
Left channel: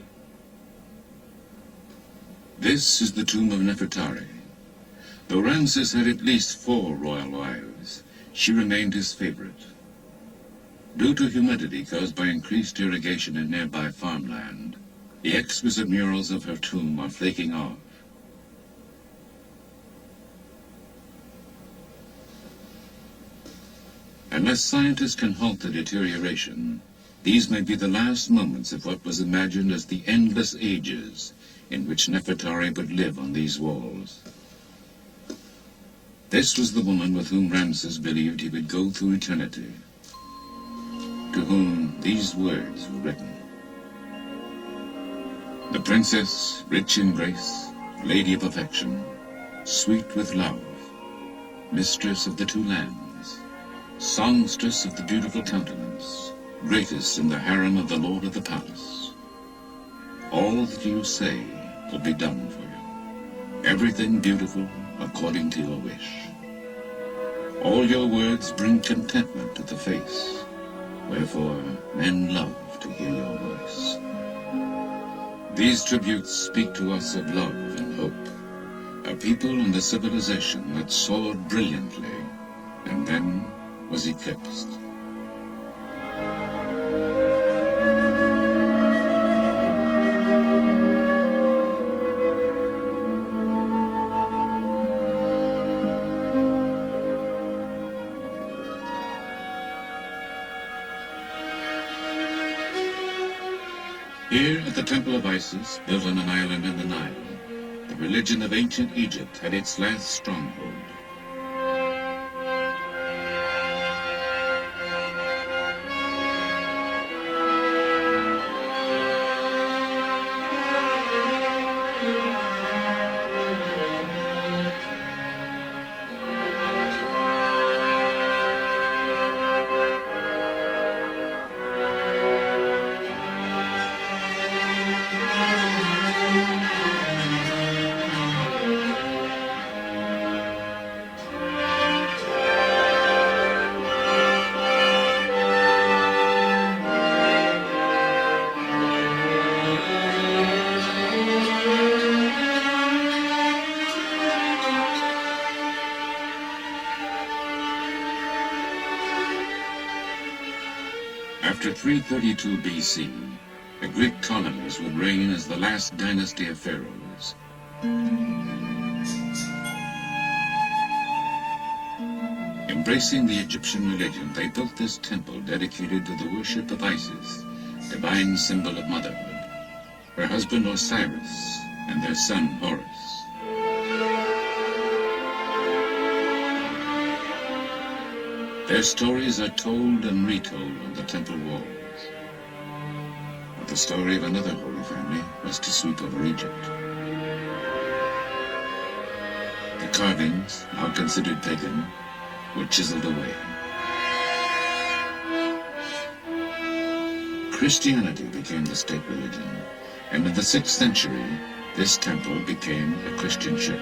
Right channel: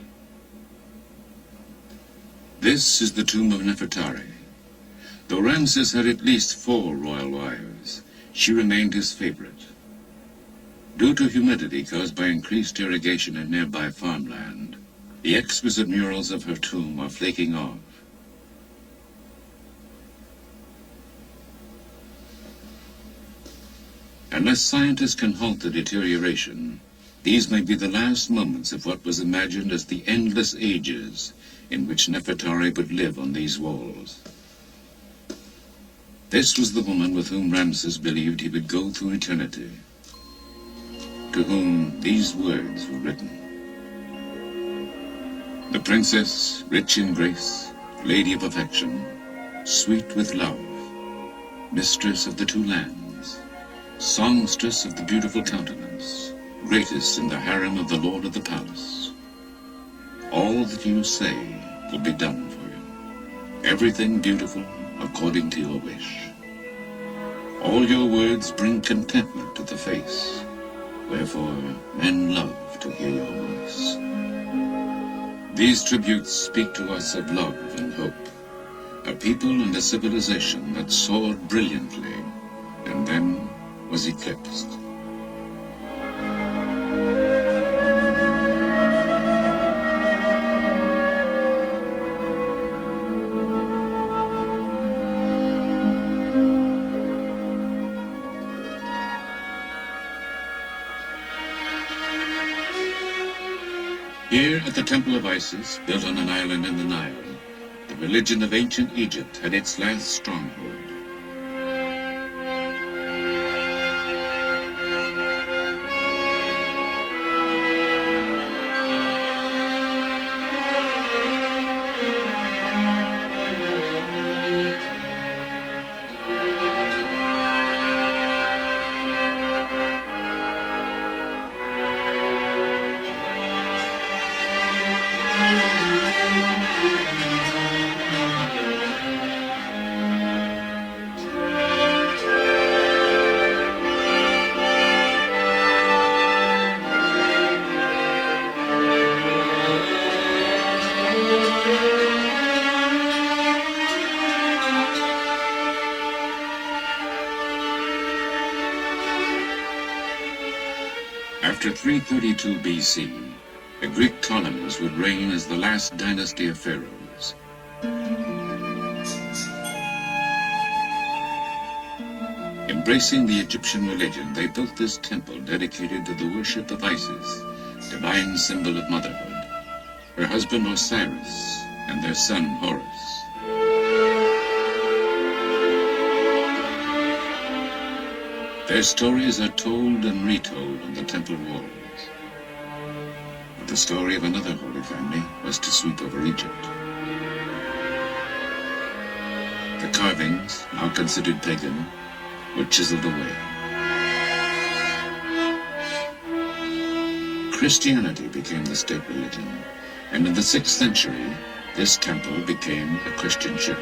This is the tomb of Nefertari. Though Ramses had at least 4 royal wives, she remained his favorite. Due to humidity caused by increased irrigation in nearby farmland, the exquisite murals of her tomb are flaking off. Unless scientists can halt the deterioration, these may be the last moments of what was imagined as the endless ages in which Nefertari would live on these walls. This was the woman with whom Ramses believed he would go through eternity, to whom these words were written. The princess, rich in grace, lady of affection, sweet with love, mistress of the 2 lands, songstress of the beautiful countenance, greatest in the harem of the lord of the palace. All that you say will be done for you. Everything beautiful according to your wish. All your words bring contentment to the face, wherefore men love to hear your voice. These tributes speak to us of love and hope, a people and a civilization that soared brilliantly and then was eclipsed. Here at the Temple of Isis, built on an island in the Nile, the religion of ancient Egypt had its last stronghold. After 332 BC, The Greek Ptolemies would reign as the last dynasty of pharaohs. Embracing the Egyptian religion, they built this temple dedicated to the worship of Isis, divine symbol of motherhood, her husband Osiris, and their son Horus. Their stories are told and retold on the temple walls. But the story of another holy family was to sweep over Egypt. The carvings, now considered pagan, were chiseled away. Christianity became the state religion, and in the 6th century, this temple became a Christian church.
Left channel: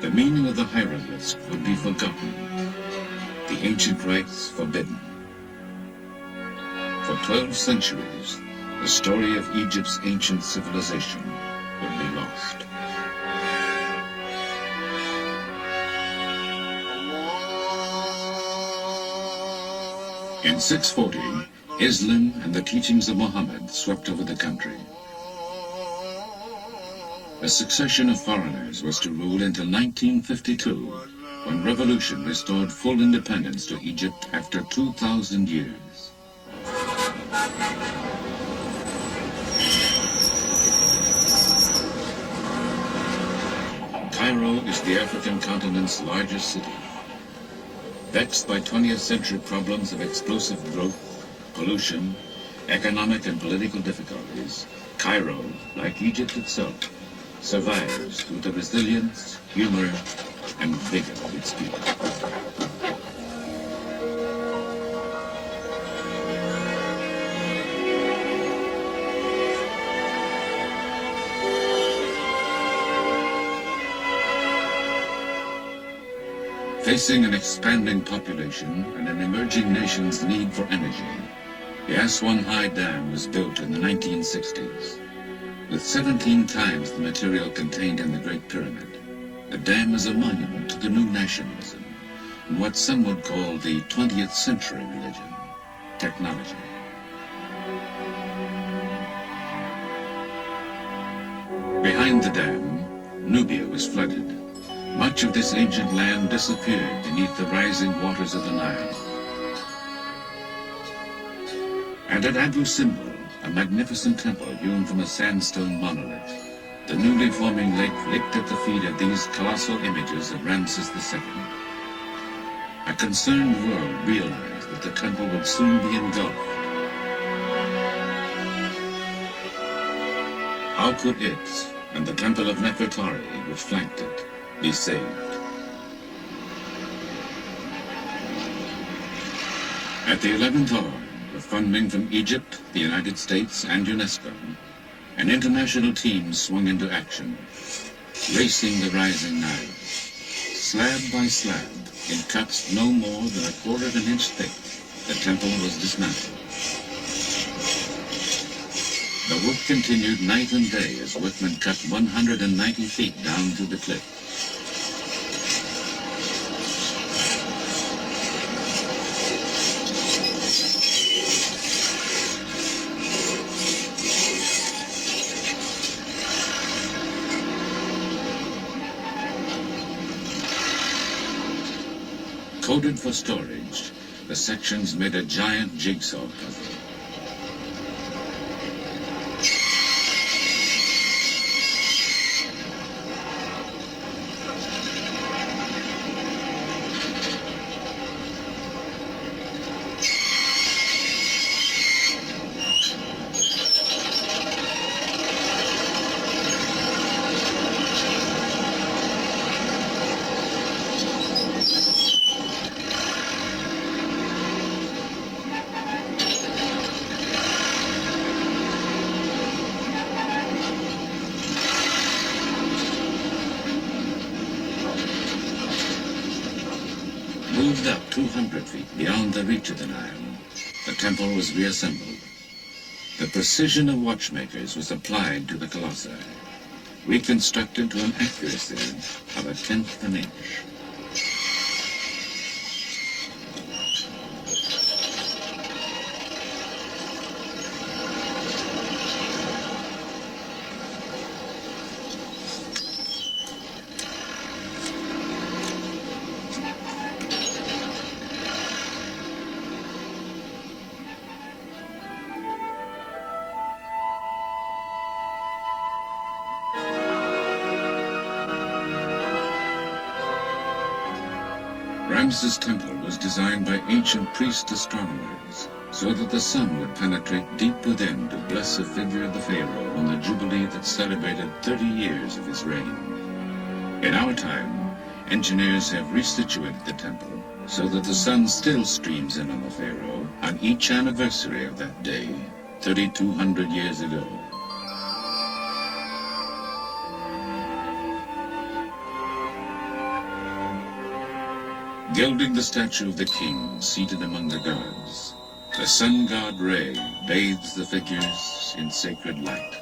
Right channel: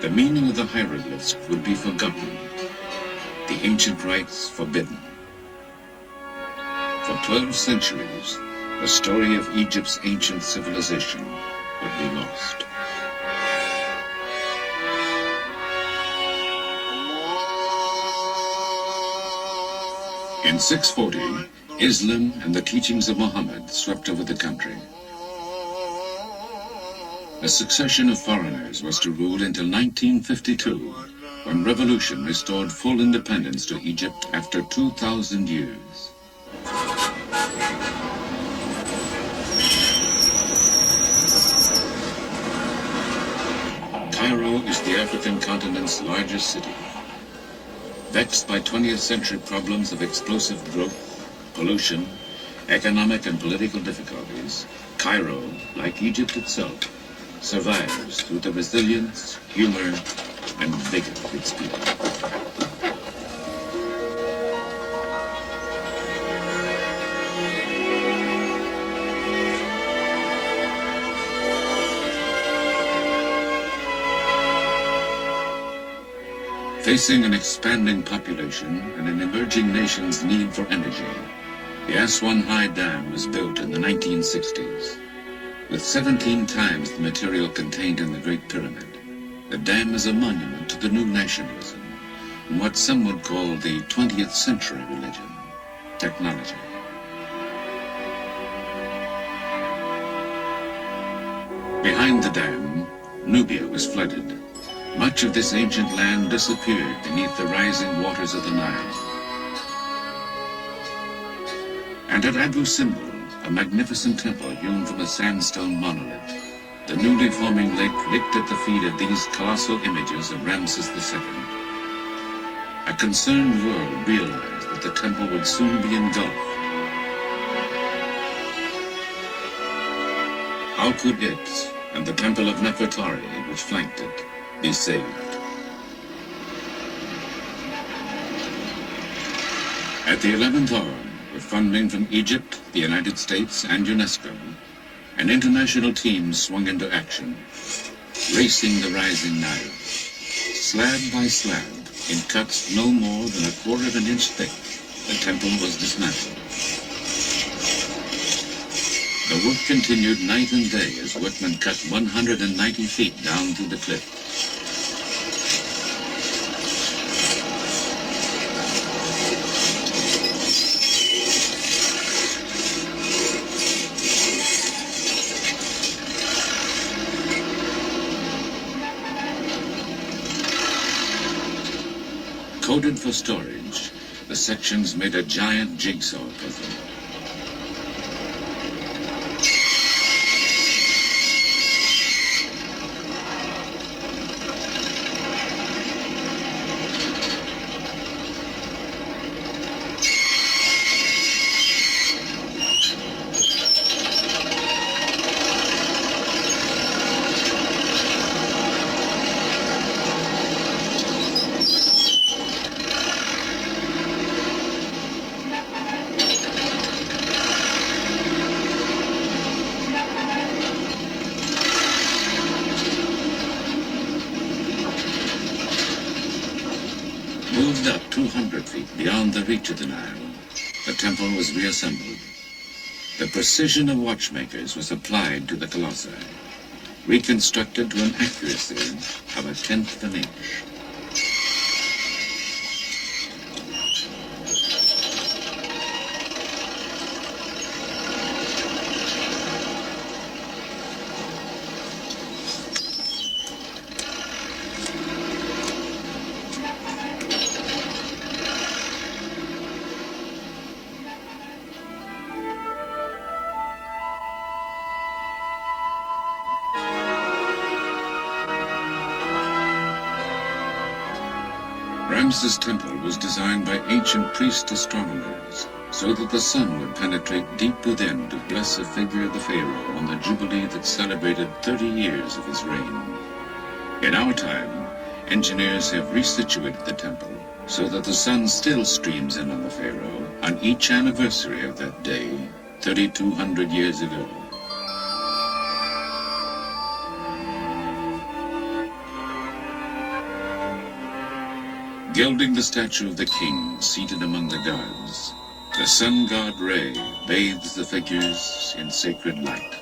The meaning of the hieroglyphs would be forgotten, the ancient rites forbidden. For 12 centuries, the story of Egypt's ancient civilization would be lost. In 640, Islam and the teachings of Muhammad swept over the country. A succession of foreigners was to rule until 1952, when revolution restored full independence to Egypt after 2,000 years. Cairo is the African continent's largest city. Vexed by 20th century problems of explosive growth, pollution, economic and political difficulties, Cairo, like Egypt itself, survives through the resilience, humor, and vigor of its people. Facing an expanding population and an emerging nation's need for energy, the Aswan High Dam was built in the 1960s. With 17 times the material contained in the Great Pyramid, the dam is a monument to the new nationalism and what some would call the 20th century religion, technology. Behind the dam, Nubia was flooded. Much of this ancient land disappeared beneath the rising waters of the Nile. And at Abu Simbel, a magnificent temple hewn from a sandstone monolith, the newly forming lake licked at the feet of these colossal images of Ramses II. A concerned world realized that the temple would soon be engulfed. How could it, and the temple of Nefertari, which flanked it, be saved? At the 11th hour, with funding from Egypt, the United States, and UNESCO, an international team swung into action, racing the rising Nile. Slab by slab, in cuts no more than 1/4 of an inch thick, the temple was dismantled. The work continued night and day as workmen cut 190 feet down through the cliff. Coded for storage, the sections made a giant jigsaw puzzle. Moved up 200 feet beyond the reach of the Nile, the temple was reassembled. The precision of watchmakers was applied to the colossi. reconstructed to an accuracy of 1/10 of an inch. Ramses' temple was designed by ancient priest astronomers so that the sun would penetrate deep within to bless a figure of the pharaoh on the jubilee that celebrated 30 years of his reign. In our time, engineers have resituated the temple so that the sun still streams in on the pharaoh on each anniversary of that day, 3,200 years ago. Gilding the statue of the king seated among the gods, the sun god Re bathes the figures in sacred light.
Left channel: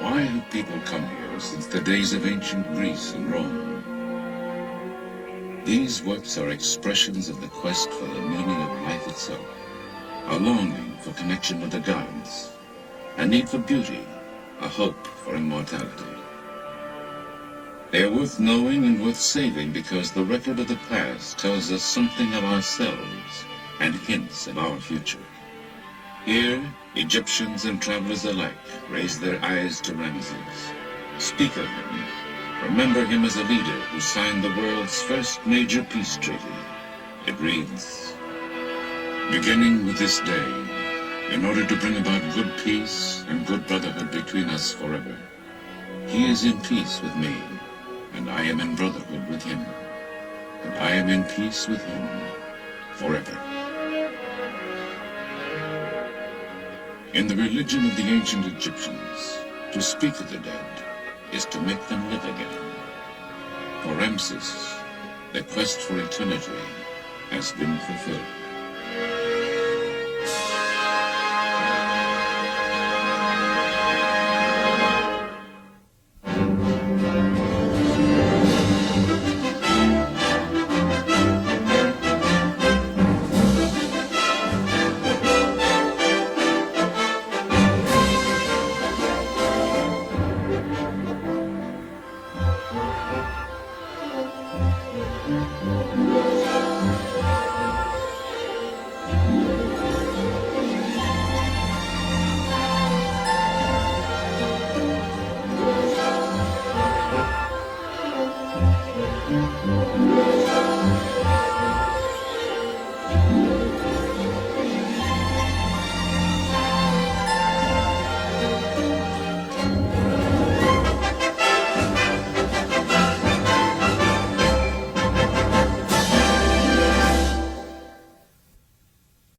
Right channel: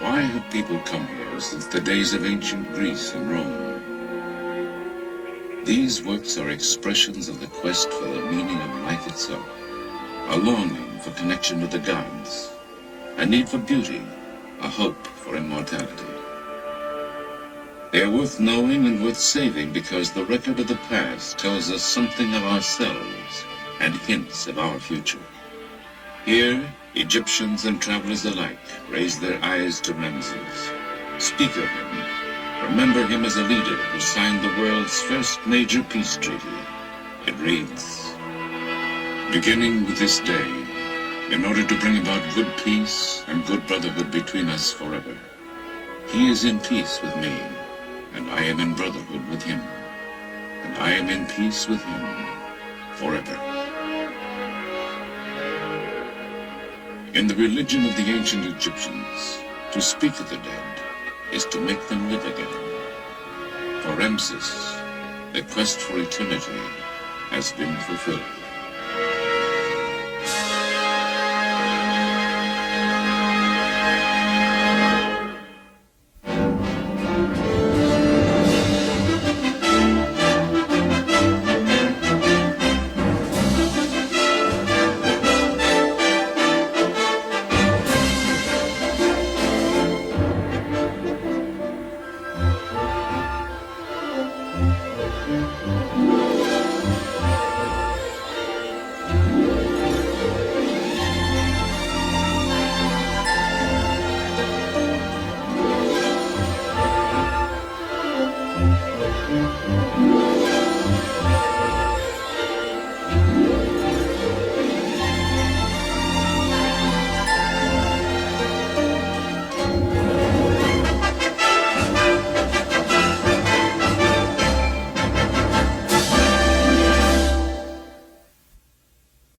Why have people come here since the days of ancient Greece and Rome? These works are expressions of the quest for the meaning of life itself, a longing for connection with the gods, a need for beauty, a hope for immortality. They are worth knowing and worth saving because the record of the past tells us something of ourselves and hints of our future. Here, Egyptians and travelers alike raise their eyes to Ramses, speak of him, remember him as a leader who signed the world's first major peace treaty. It reads, "Beginning with this day, in order to bring about good peace and good brotherhood between us forever, he is in peace with me, and I am in brotherhood with him, and I am in peace with him forever." In the religion of the ancient Egyptians, to speak of the dead is to make them live again. For Ramses, the quest for eternity has been fulfilled.